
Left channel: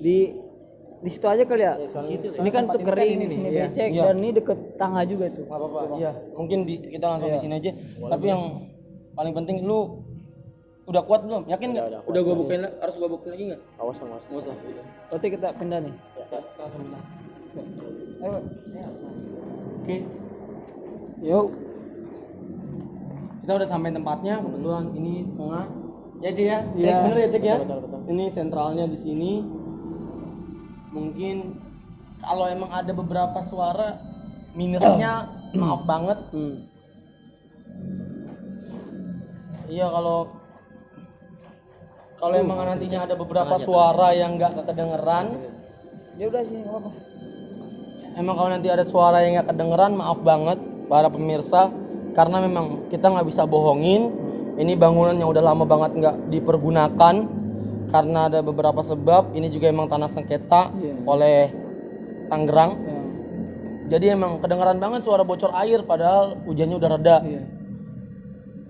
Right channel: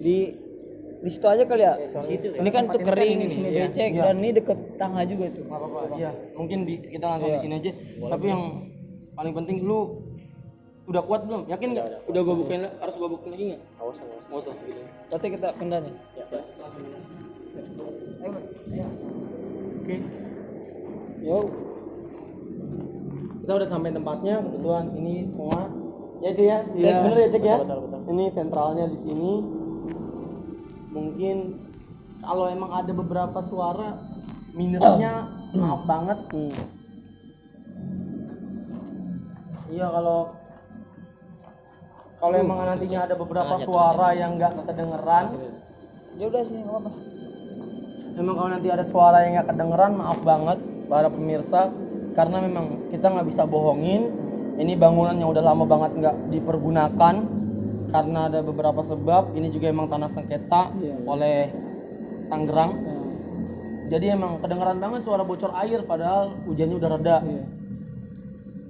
Di situ aja kali ya. Ini kan tuh kering di sini becek dan ini deket tangga juga tuh. Nggak apa-apa. Iya, mungkin kita langsung di sini aja. Tapi yang paling penting lu udah kuat belum? Yakin nggak? Udah gua bukain, harus gua bukain lagi nggak? Awas. Nggak usah. Gitu. Berarti kita pindah nih. Ayo. Oke. Yuk. Kita udah sampai tempatnya, kebetulan ini tengah. Ya Cek ya? Iya. Bener ya Cek ya? Betul. Ini sentralnya di sini. Mungkin kalau emang ada beberapa suara minusnya maaf banget. Iya Kalau emang nantinya ada beberapa suara yang nggak kedengeran, Ya udah sih, nggak apa-apa. emang kalau nanti ada suara yang nggak kedengeran, maaf banget para pemirsa, karena memang kita nggak bisa bohongin. Ini bangunan yang udah lama banget nggak dipergunakan karena ada beberapa sebab. Ini juga emang tanah sengketa oleh Tangerang. Jadi emang kedengeran banget suara bocor air padahal hujannya udah reda.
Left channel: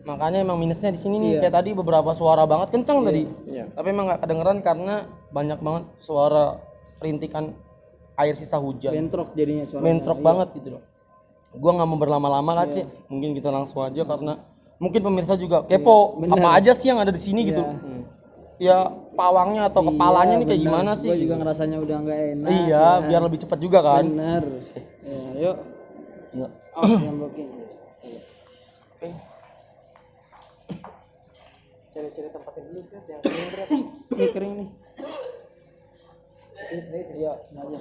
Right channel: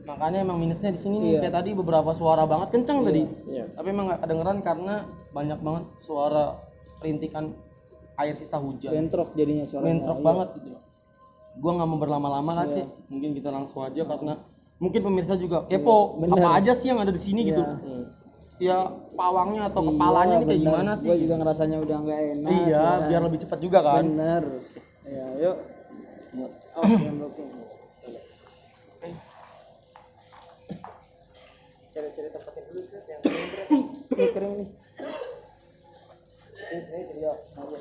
Makanya emang minusnya di sini nih. Kayak tadi beberapa suara banget kenceng tadi. Tapi emang nggak kedengeran karena banyak banget suara rintikan air sisa hujan. Bentrok jadinya suaranya. Bentrok banget gitu loh. Gua nggak mau berlama-lama lah Cik. Mungkin kita langsung aja karena mungkin pemirsa juga kepo apa aja sih yang ada di sini gitu. Ya pawangnya atau kepalanya nih kayak gimana sih? Gue juga ngerasanya udah nggak enak. Iya, biar lebih cepat juga kan. Bener. Ya, yuk. Ya. Cari-cari tempatnya dulu tuh yang Ini kering nih. Sini ya, aja.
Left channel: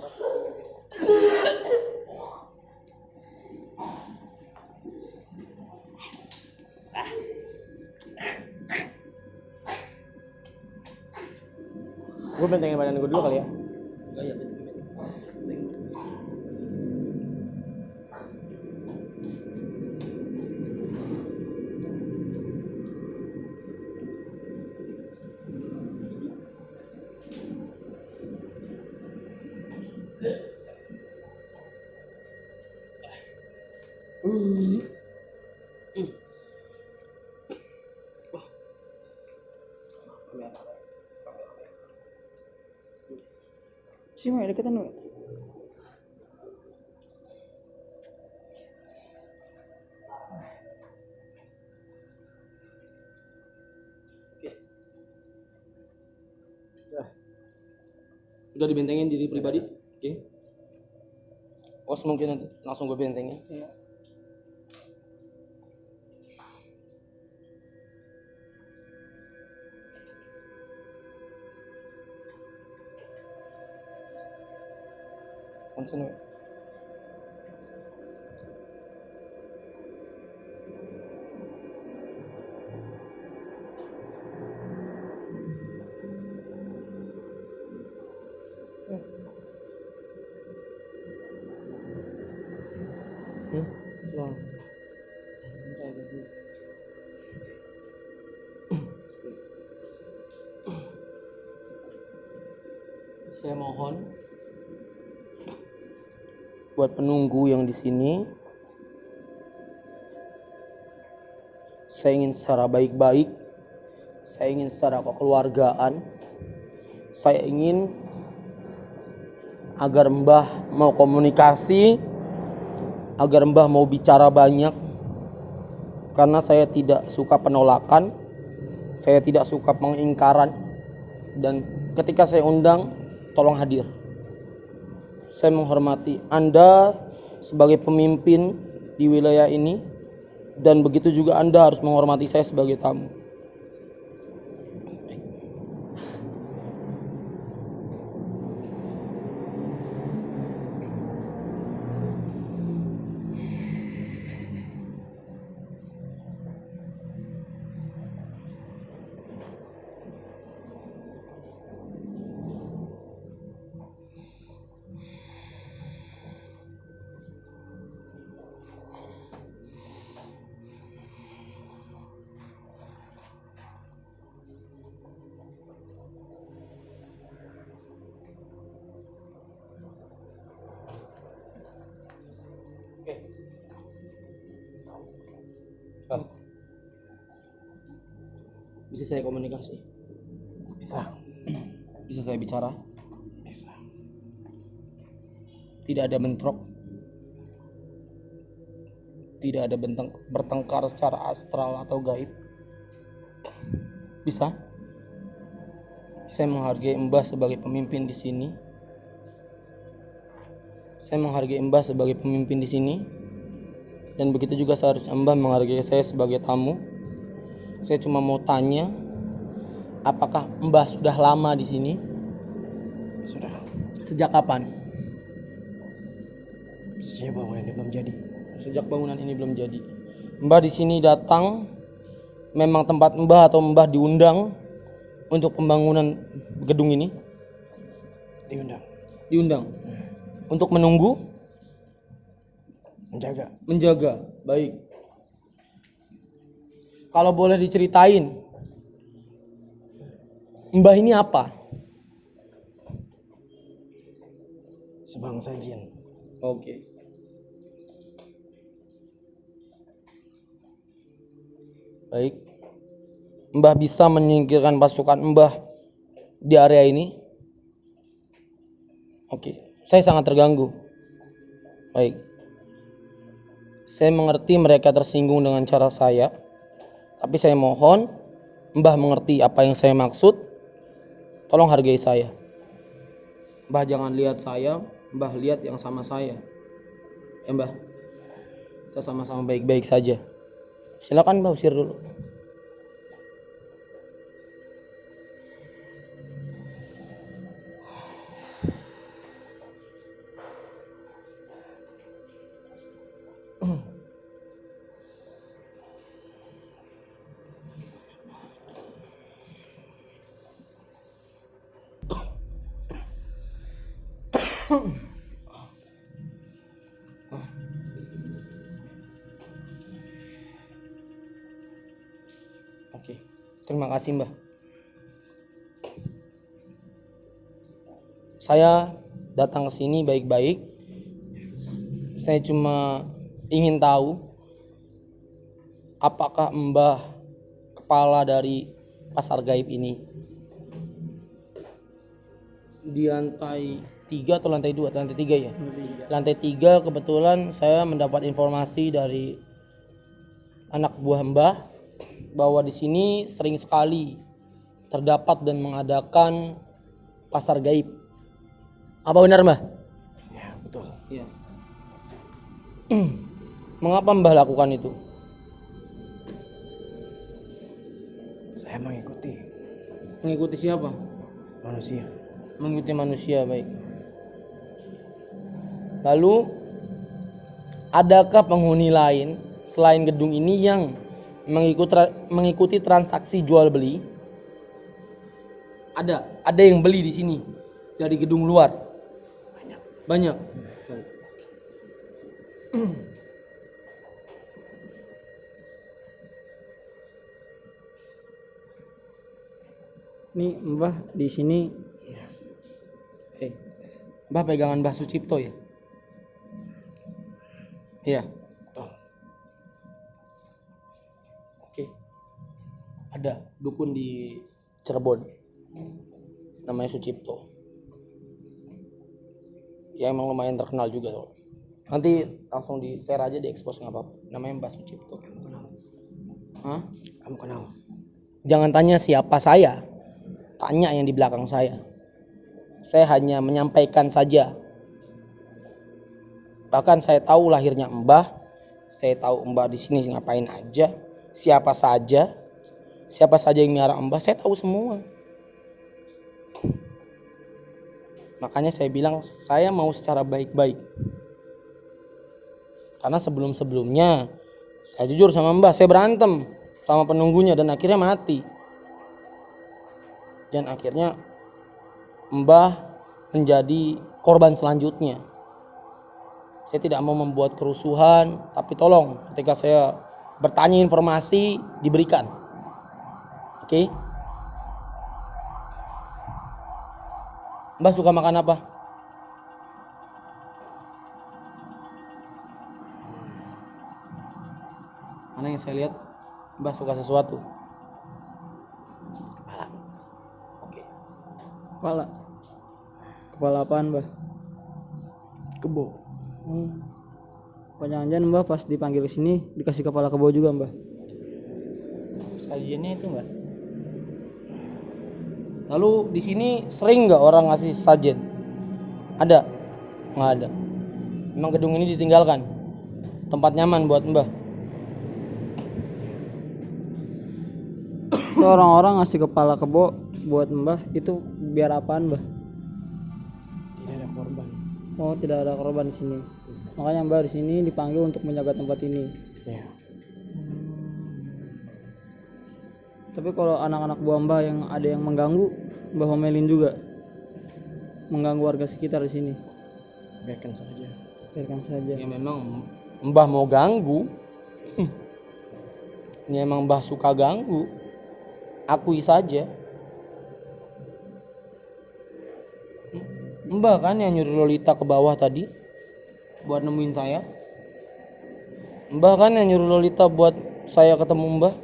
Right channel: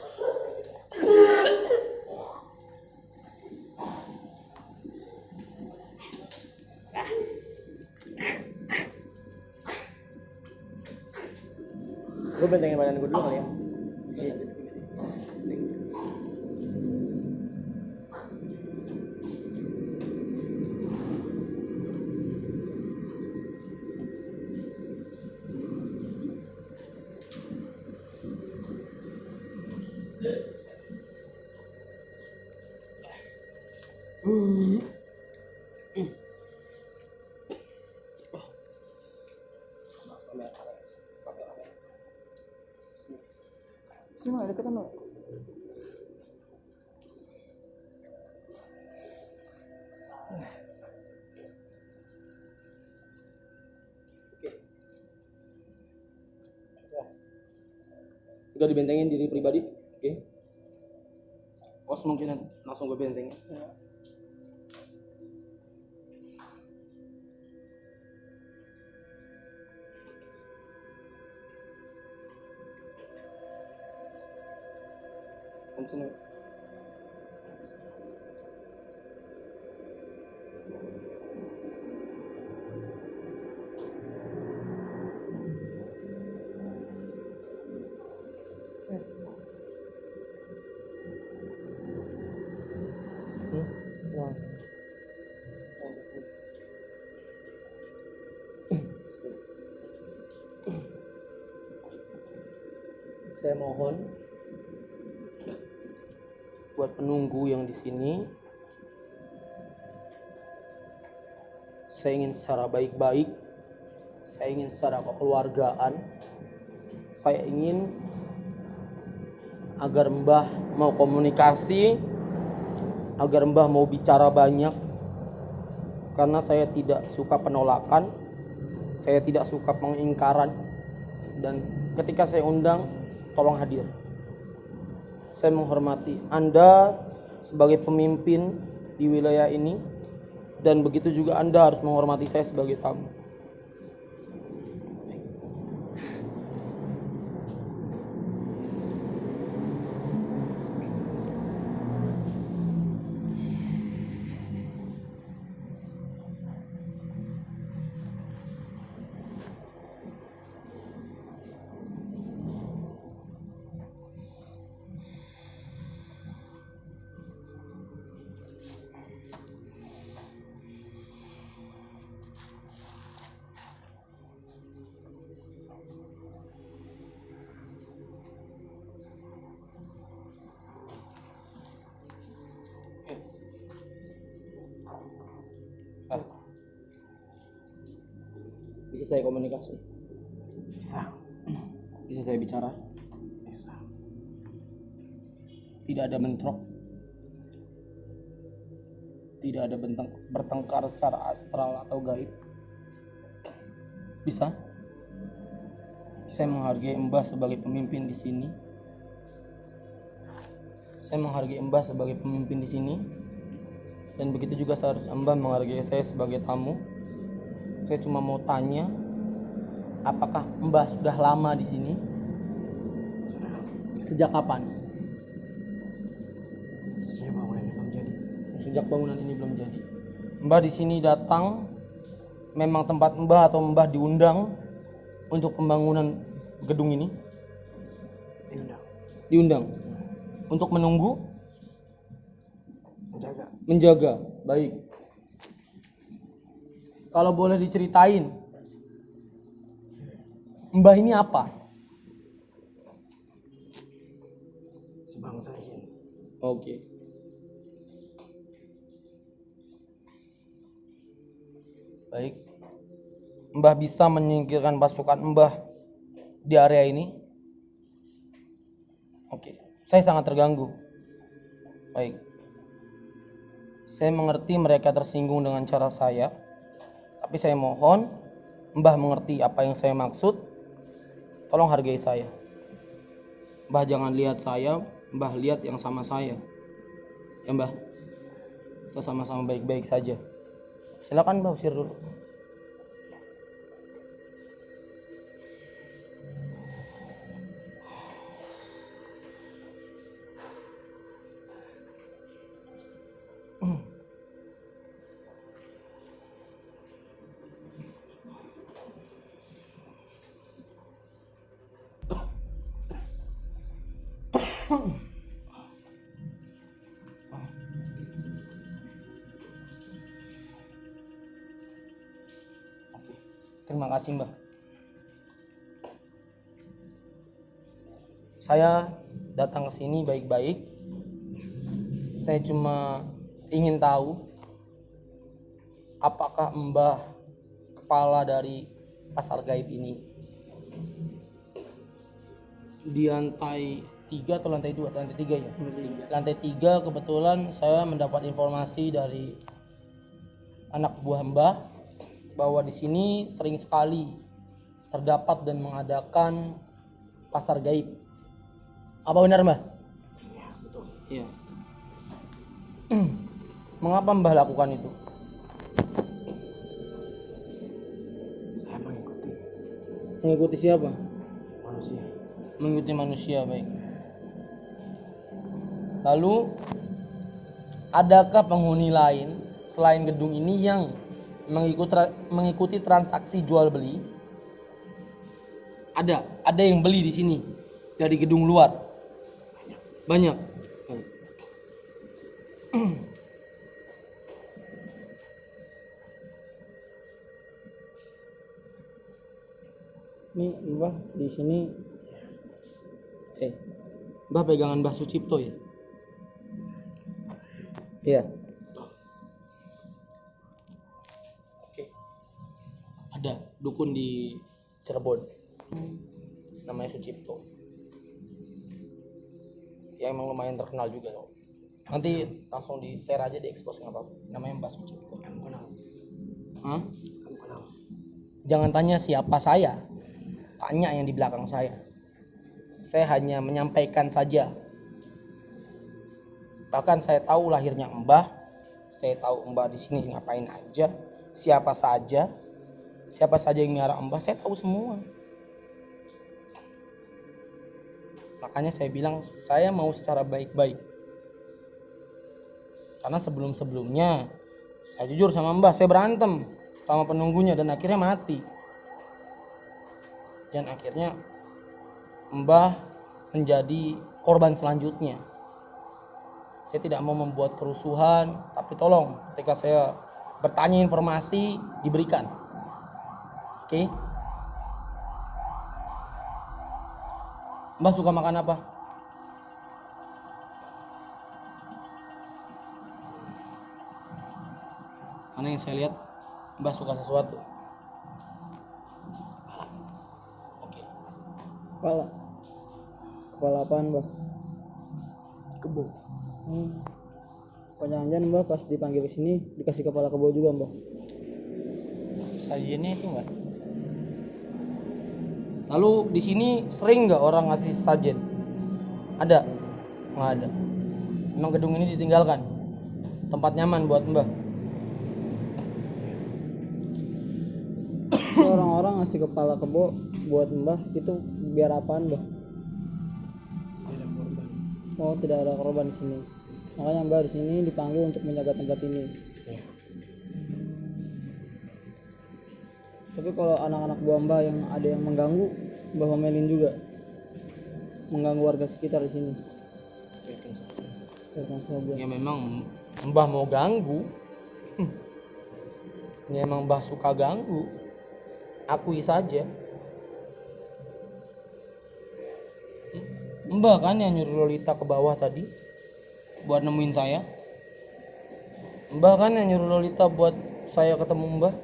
gue bentengin badan gue dulu kali ya. Sini mah deketan lu. Udah dibentengin diri pribadi. Oke. Os mungkin nanti langsung gue bentengin. Iya. Konsen ya. Saya mohon buat penunggu yang di sini, saya ingin secara baik-baik, saya ingin secara kekeluargaan, saya ingin agar Mbah mau komunikasi, agar Mbah mau bicara banyak, karena saya tidak suka penolakan, saya tidak suka pengingkaran, dan ketika saya undang, tolong hadir. Saya menghormati Anda sebagai pemimpin di wilayah ini, dan begitu juga Anda harus menghormati saya sebagai tamu. Bisa saya komunikasi? Bisa. Bisa saya bicara? Bisa. Tidak ada bentrok, tidak ada bertengkar secara astral atau gaib. Bisa? Saya menghargai Mbah sebagai pemimpin di sini. Saya menghargai Mbah sebagai pemimpin di sini. Dan begitu juga seharusnya Mbah menghargai saya sebagai tamu. Saya cuma mau tanya, apakah Mbah sudah lama di sini? Sudah. Sejak kapan? Sejak bangunan ini belum jadi. Sejak bangunan ini belum jadi. Mbah di sini datang memang tempat Mbah atau Mbah diundang untuk pembangunan gedung ini? Diundang. Untuk menunggu? Menjaga. Baik. Kalau boleh diceritain, Mbah ini apa? Sebangsa jin. Oke. Baik. Mbah bisa menyingkirkan pasukan Mbah di area ini? Oke. Saya sangat terganggu. Baik. Saya mengerti mereka tersinggung dengan cara saya. Tapi saya mohon Mbah mengerti apa yang saya maksud. Tolong hargai saya. Mbah jangan lihat saya, Mbah lihat yang sama saya. Ya Mbah. Kita sama-sama baik-baik saja. Silakan Mbah usir dulu. Oke. Terima kasih Mbah. Saya datang ke sini baik-baik. Saya cuma ingin tahu apakah Mbah kepala dari pasar gaib ini. Di lantai 3 atau lantai 2 atau lantai 3 ya? Lantai 3 kebetulan saya mendapat informasi dari anak buah Mbah bahwa di sini sering sekali terdapat dan mengadakan pasar gaib. Apa benar Mbah? Ya, betul. Iya. Mengapa Mbah lakukan itu? Saya mengikuti Mengikuti siapa? manusia. Mengikuti manusia, baik. Lalu adakah penghuni lain selain gedung ini yang mengikuti transaksi jual beli? Ada yang beli di sini dari gedung luar. Banyak. Baik. Nih Mbah di sini Mbah pegangan Mbah Sucipto ya? Iya. Oke. Ada dukun di Cirebon. Namanya Sucipto. Ya emang lumayan terkenal juga loh. Nanti langsung di share aja, di expose nggak apa-apa. Namanya Mbah Sucipto. Kamu kenal? Hah? Kamu kenal? Jangan tanya siapa saya. Tanya yang di belakang saya. Saya hanya menyampaikan saja. Bahkan saya tahu lahirnya Mbah. Saya tahu Mbah di sini ngapain aja. Siapa saja yang miara Mbah, saya tahu semua. Makanya saya bilang saya mau secara baik-baik. Karena sebelum-sebelumnya saya jujur sama Mbah, saya berantem sama penunggunya dan akhirnya mati. Dan akhirnya Mbah menjadi korban selanjutnya. Saya tidak mau membuat kerusuhan, tapi tolong ketika saya bertanya informasi diberikan. Oke? Mbah suka makan apa? Karena yang saya lihat Mbah suka sesuatu. Oke. kepala apaan Mbah? Kebo. Jangan-jangan Mbah pas dipanggil ke sini dikasih kepala kebo juga Mbah? Sajiannya itu Mbak. Lalu di sini sering nggak orang ngasih sajen? Ada? Nggak ada. Memang gedung ini ditinggalkan. Tempat nyaman buat Mbah. Orang-orang ngasih kepala kebo buat Mbah itu biar apaan Mbah? Tidak ada korban. Oh, tidak ada korban di sini. Makanya Mbah di sini dipanggil untuk menjaga tempat ini. Ya. Tapi kalau anak-anak buah Mbah yang ada yang mengganggu, Mbah omelin juga, mengganggu warga sekitar di sini. Biarkan saja. Biarkan saja. Ya memang Mbah mau ganggu. Ya emang Mbah suka ganggu. Akui saja. Mbah kan yang nyuruh Lolita ke bawah tadi buat nemuin saya. Mbah kan yang nyuruh Lolita buat saya ketemu Mbah.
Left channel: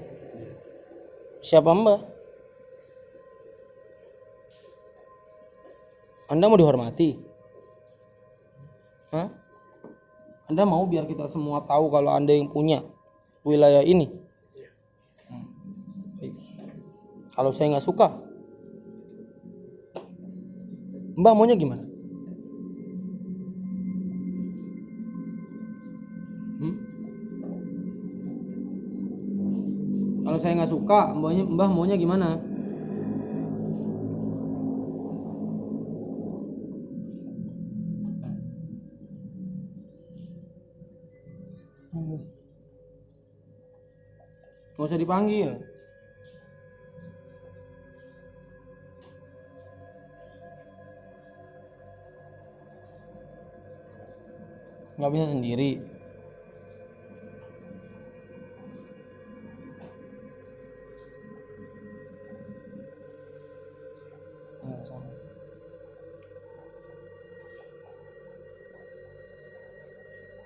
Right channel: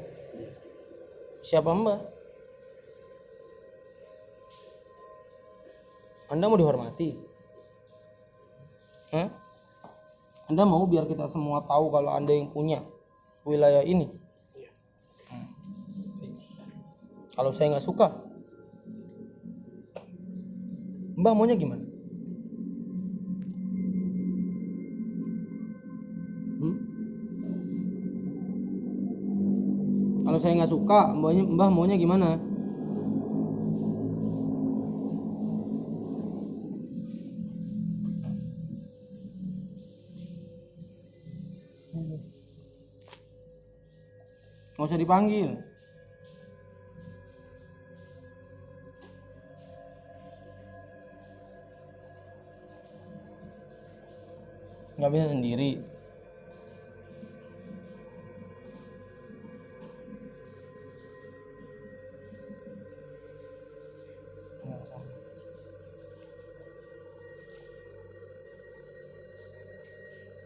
Siapa Mbah? Anda mau dihormati? Hah? Anda mau biar kita semua tahu kalau Anda yang punya wilayah ini? Baik. Kalau saya nggak suka, Mbah maunya gimana? Kalau saya nggak suka, Mbah maunya gimana? Nggak usah dipanggil. Nggak bisa sendiri.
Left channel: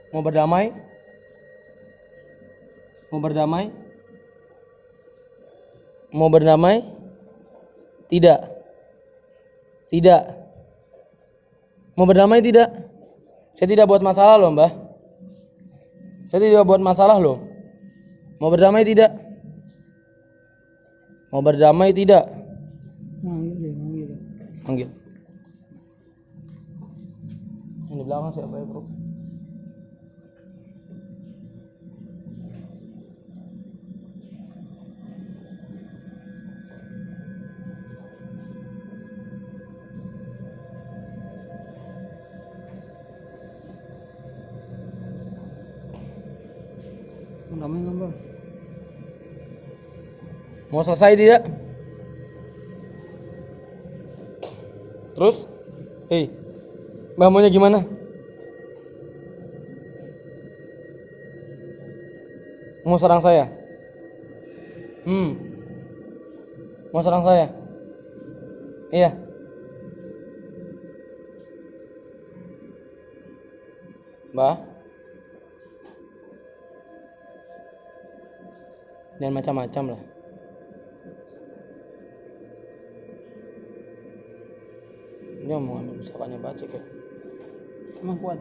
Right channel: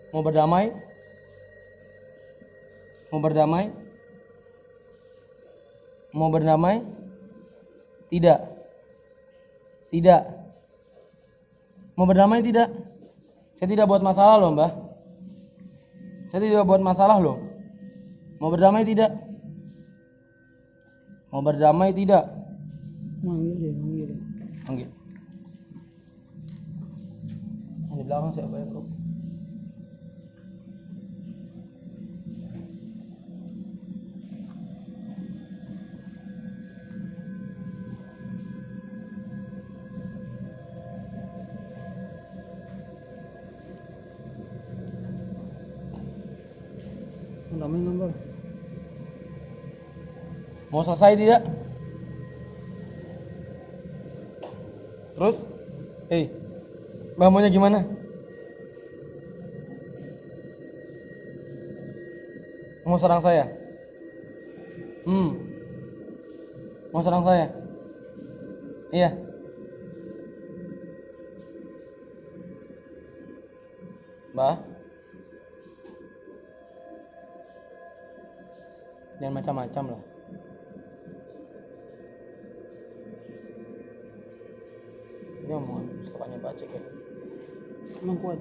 Mau berdamai? Mau berdamai? Mau berdamai? Tidak. Tidak. Mau berdamai tidak? Saya tidak buat masalah loh, Mbah. Saya tidak buat masalah loh. Mau berdamai tidak? Mau berdamai tidak? Manggil. Panggil. Yang di belakang siapa ya, Bro? Damai gambar. Mau selesai tidak? Terus? Hei, Mbah maunya gimana? Mau serang saya? Mau serang saya? Iya. Mbah? Dan macam-macam lah. Dia mau misalkannya baca kayak Emang kuat.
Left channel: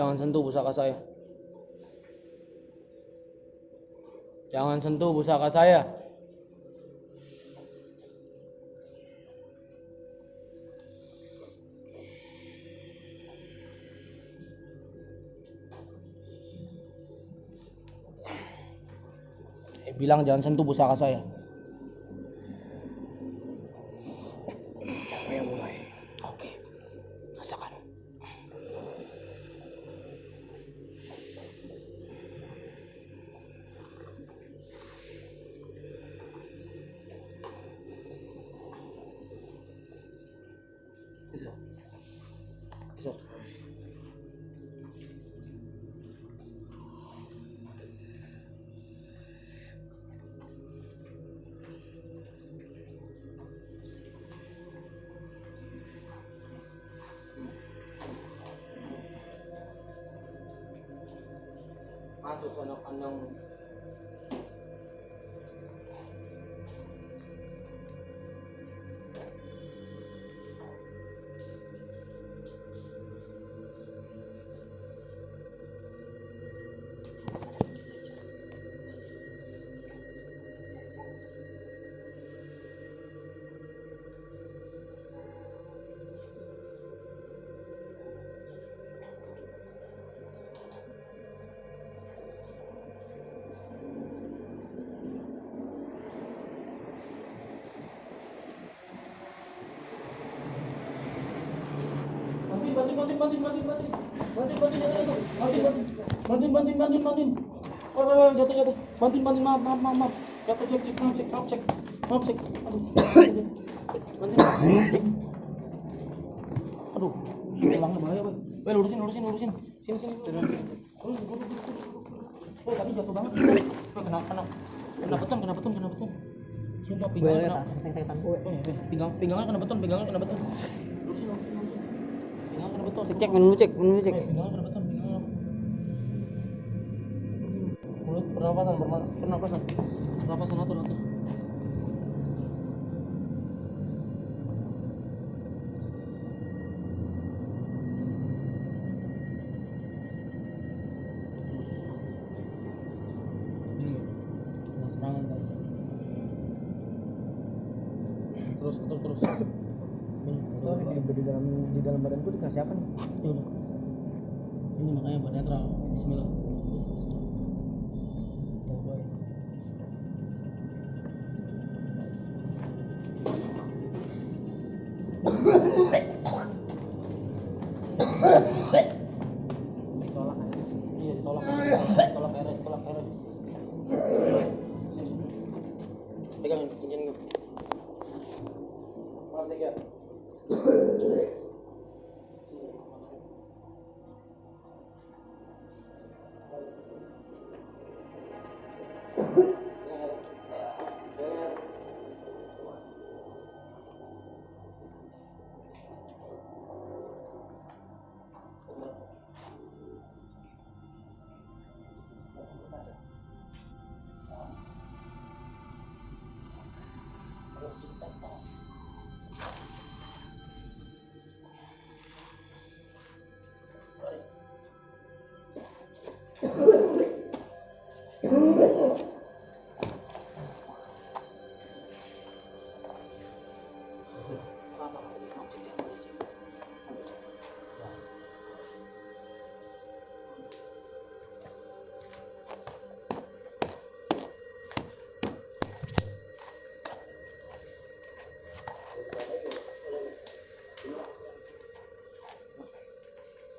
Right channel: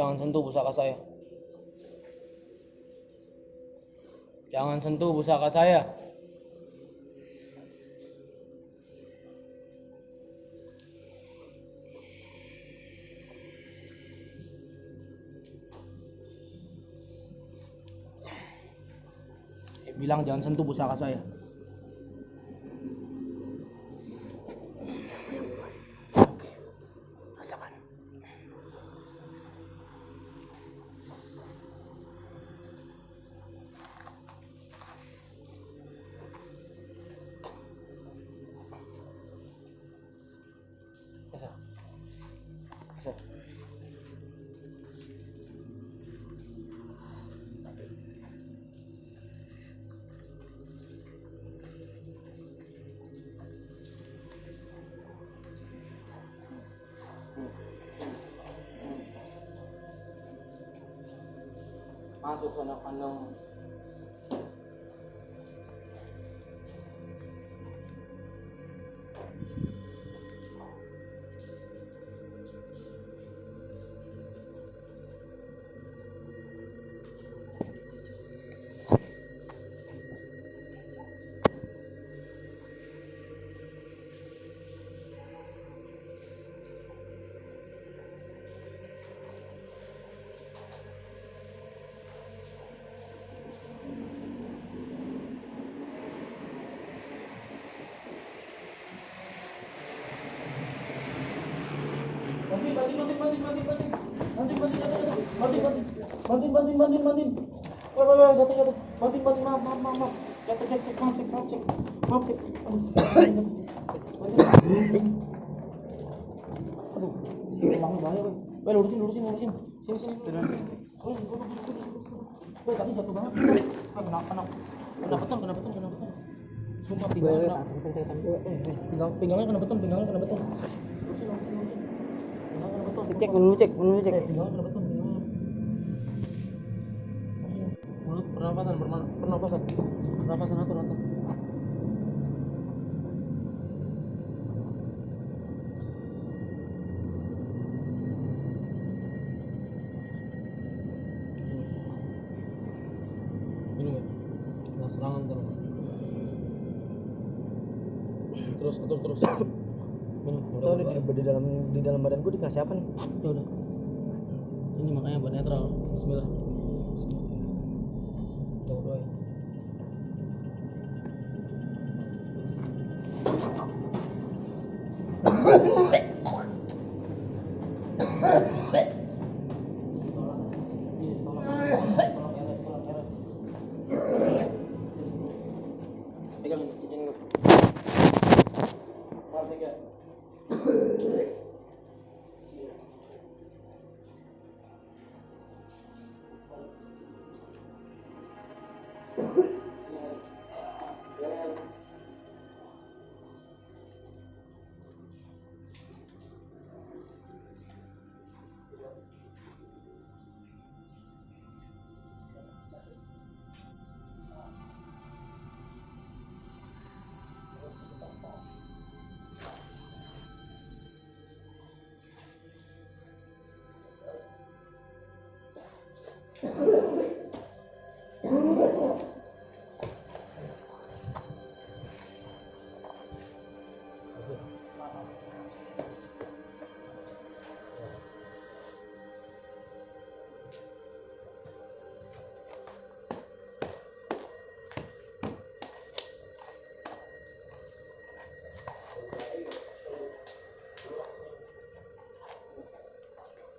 jangan sentuh pusaka saya. Jangan sentuh pusaka saya. Saya bilang jangan sentuh pusaka saya. Siapa yang mulai? Oke, rasakan. Besok. Masuk sana kandang. Bantuin. Oh, jatuh. Bantuin. Maaf. Jatuh, cek. Maaf, cek. Aduh. Bantuin. Aduh, pegangnya bahaya, weh. Weh, lurusin. Sini. Weh, tadi jatuh banget. Weh, kena beton. Sumpah pinggangnya kena beton. Lurusin. Pinggangnya kena beton. Cek minum cek. Pinggangnya kena beton. Mulut pernapasan atur. Minum. Kena serangan ntar. Terus. Minum. Udah. Di dalam badanku dikasih apa nih? Ya udah. Ini makanya buat netral. Bismillah. Coba doain. Tolak erek. Pegang cincin gue. Maaf ya.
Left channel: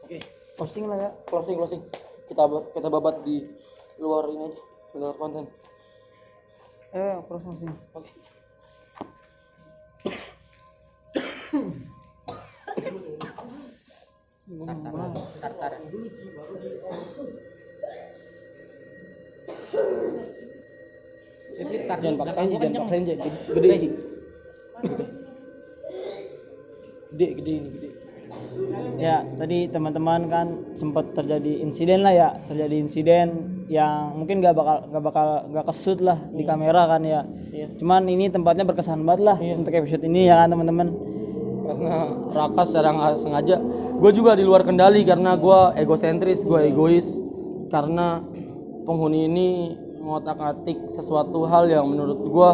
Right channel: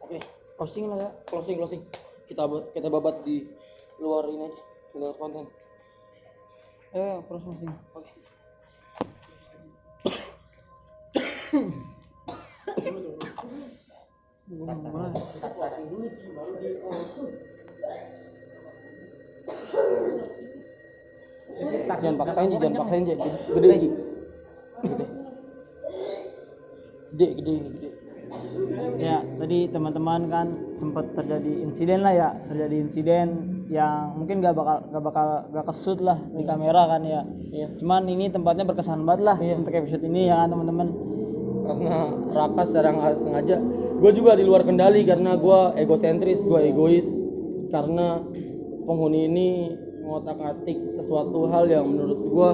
Oke, Closing lah ya. closing. Kita babat di luar ini aja, di luar konten. Closing. Oke. Jangan paksain, Ci. Gede, Ci. Gede ini. Ya, tadi teman-teman kan sempat terjadi insiden yang mungkin gak kesut lah di kamera kan ya. Cuman ini tempatnya berkesan banget lah untuk episode ini ya kan teman-teman. Karena Raka secara nggak sengaja, gue juga di luar kendali karena gue egosentris, gue egois. Karena penghuni ini ngotak-atik sesuatu hal yang menurut gue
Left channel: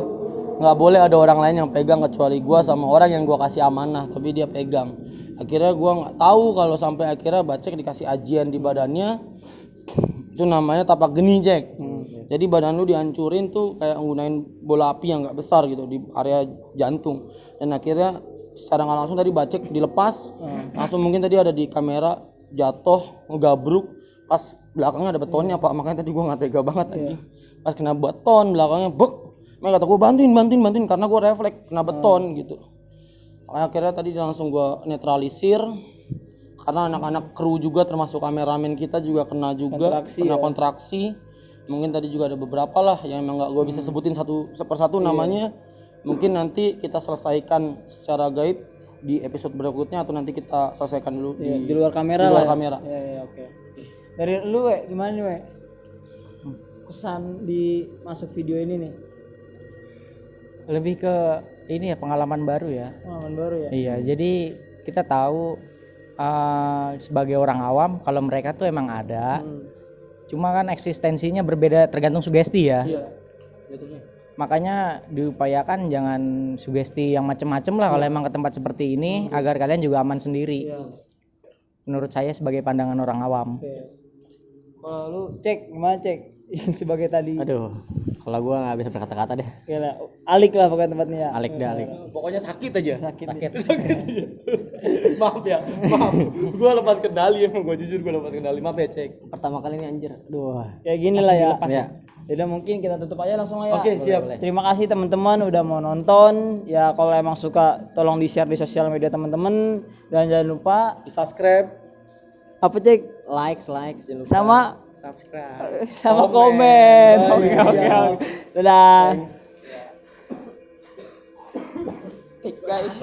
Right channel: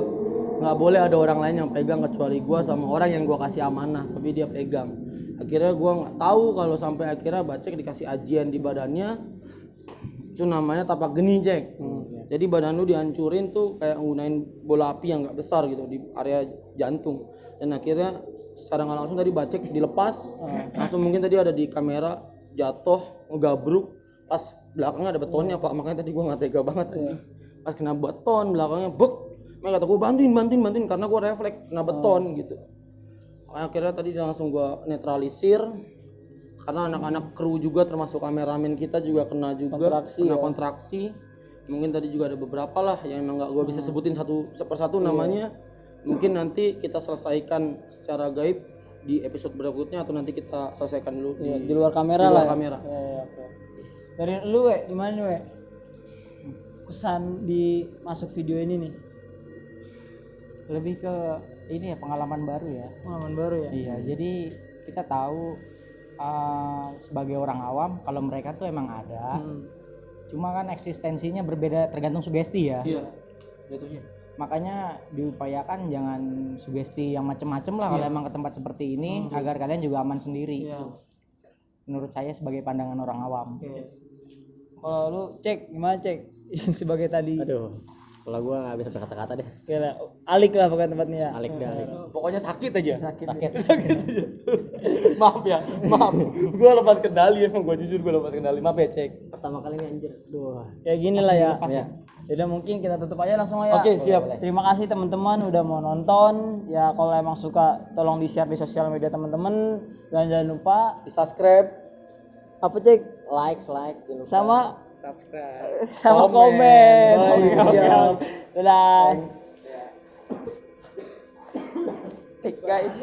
nggak boleh ada orang lain yang pegang kecuali gue sama orang yang gue kasih amanah, tapi dia pegang. Akhirnya gue nggak tahu kalau sampai akhirnya Bacek dikasih ajian di badannya, itu namanya tapak geni, Cek. Jadi badan lu dihancurin tuh kayak nggunain bola api yang nggak besar gitu di area jantung. Dan akhirnya secara nggak langsung tadi Bacek dilepas, langsung mungkin tadi ada di kamera jatuh ngegabruk, pas belakangnya ada betonnya Pak, makanya tadi gue nggak tega banget tadi. Pas kena beton belakangnya bek, makanya kata gue bantuin karena gue refleks kena beton gitu. Akhirnya tadi langsung gue netralisir karena anak-anak kru juga termasuk kameramen kita juga kena kontraksi. Mungkin tadi juga ada beberapa lah yang emang nggak gue bisa sebutin satu persatu namanya. Mungkin nanti kita selesaikan secara gaib di episode berikutnya atau nanti kita selesaikan dulu di luar kamera lah. Oke. Dari lu gimana nih kesan di masuk video ini nih? Lebih ke ini ya, pengalaman baru ya. Iya, jadi kita tahu sebagai orang awam kalau mereka tuh emang ada. Cuma kan eksistensinya berbeda tergantung sugesti ya. Iya. Jatuhnya. Makanya diupayakan jangan sugesti yang macem-macem lah kalau emang ke tempat seperti ini agar kalian juga aman sendiri. Menurut saya sebagai pandangan orang awam. Kalau lu Cek gimana Cek? sebagai tadi. Aduh, kalau gua nggak bisa berkata-kata deh. Ya alik lah pokoknya tempatnya ya. Alik deh, alik. Pokoknya sakit aja. Sakit. Maaf ya, maaf. Gue lepas kendali emang, gue jujur gue lepas kendali. Maaf ya cek. Pertama kali ini anjir. Aduh. Kayak gini lah ya. Ya. Jadi mungkin kita tutup aja langsung lah ya. Oke, siap. Terima kasih teman-teman udah mau nonton. Ya kalau emang suka tolong di-share di sosial media teman-teman dan jangan lupa Di subscribe. apa cek Likes, jangan lupa sama subscribe. sama komen. Baik, Oke. siap. Dadah. Thanks. Guys.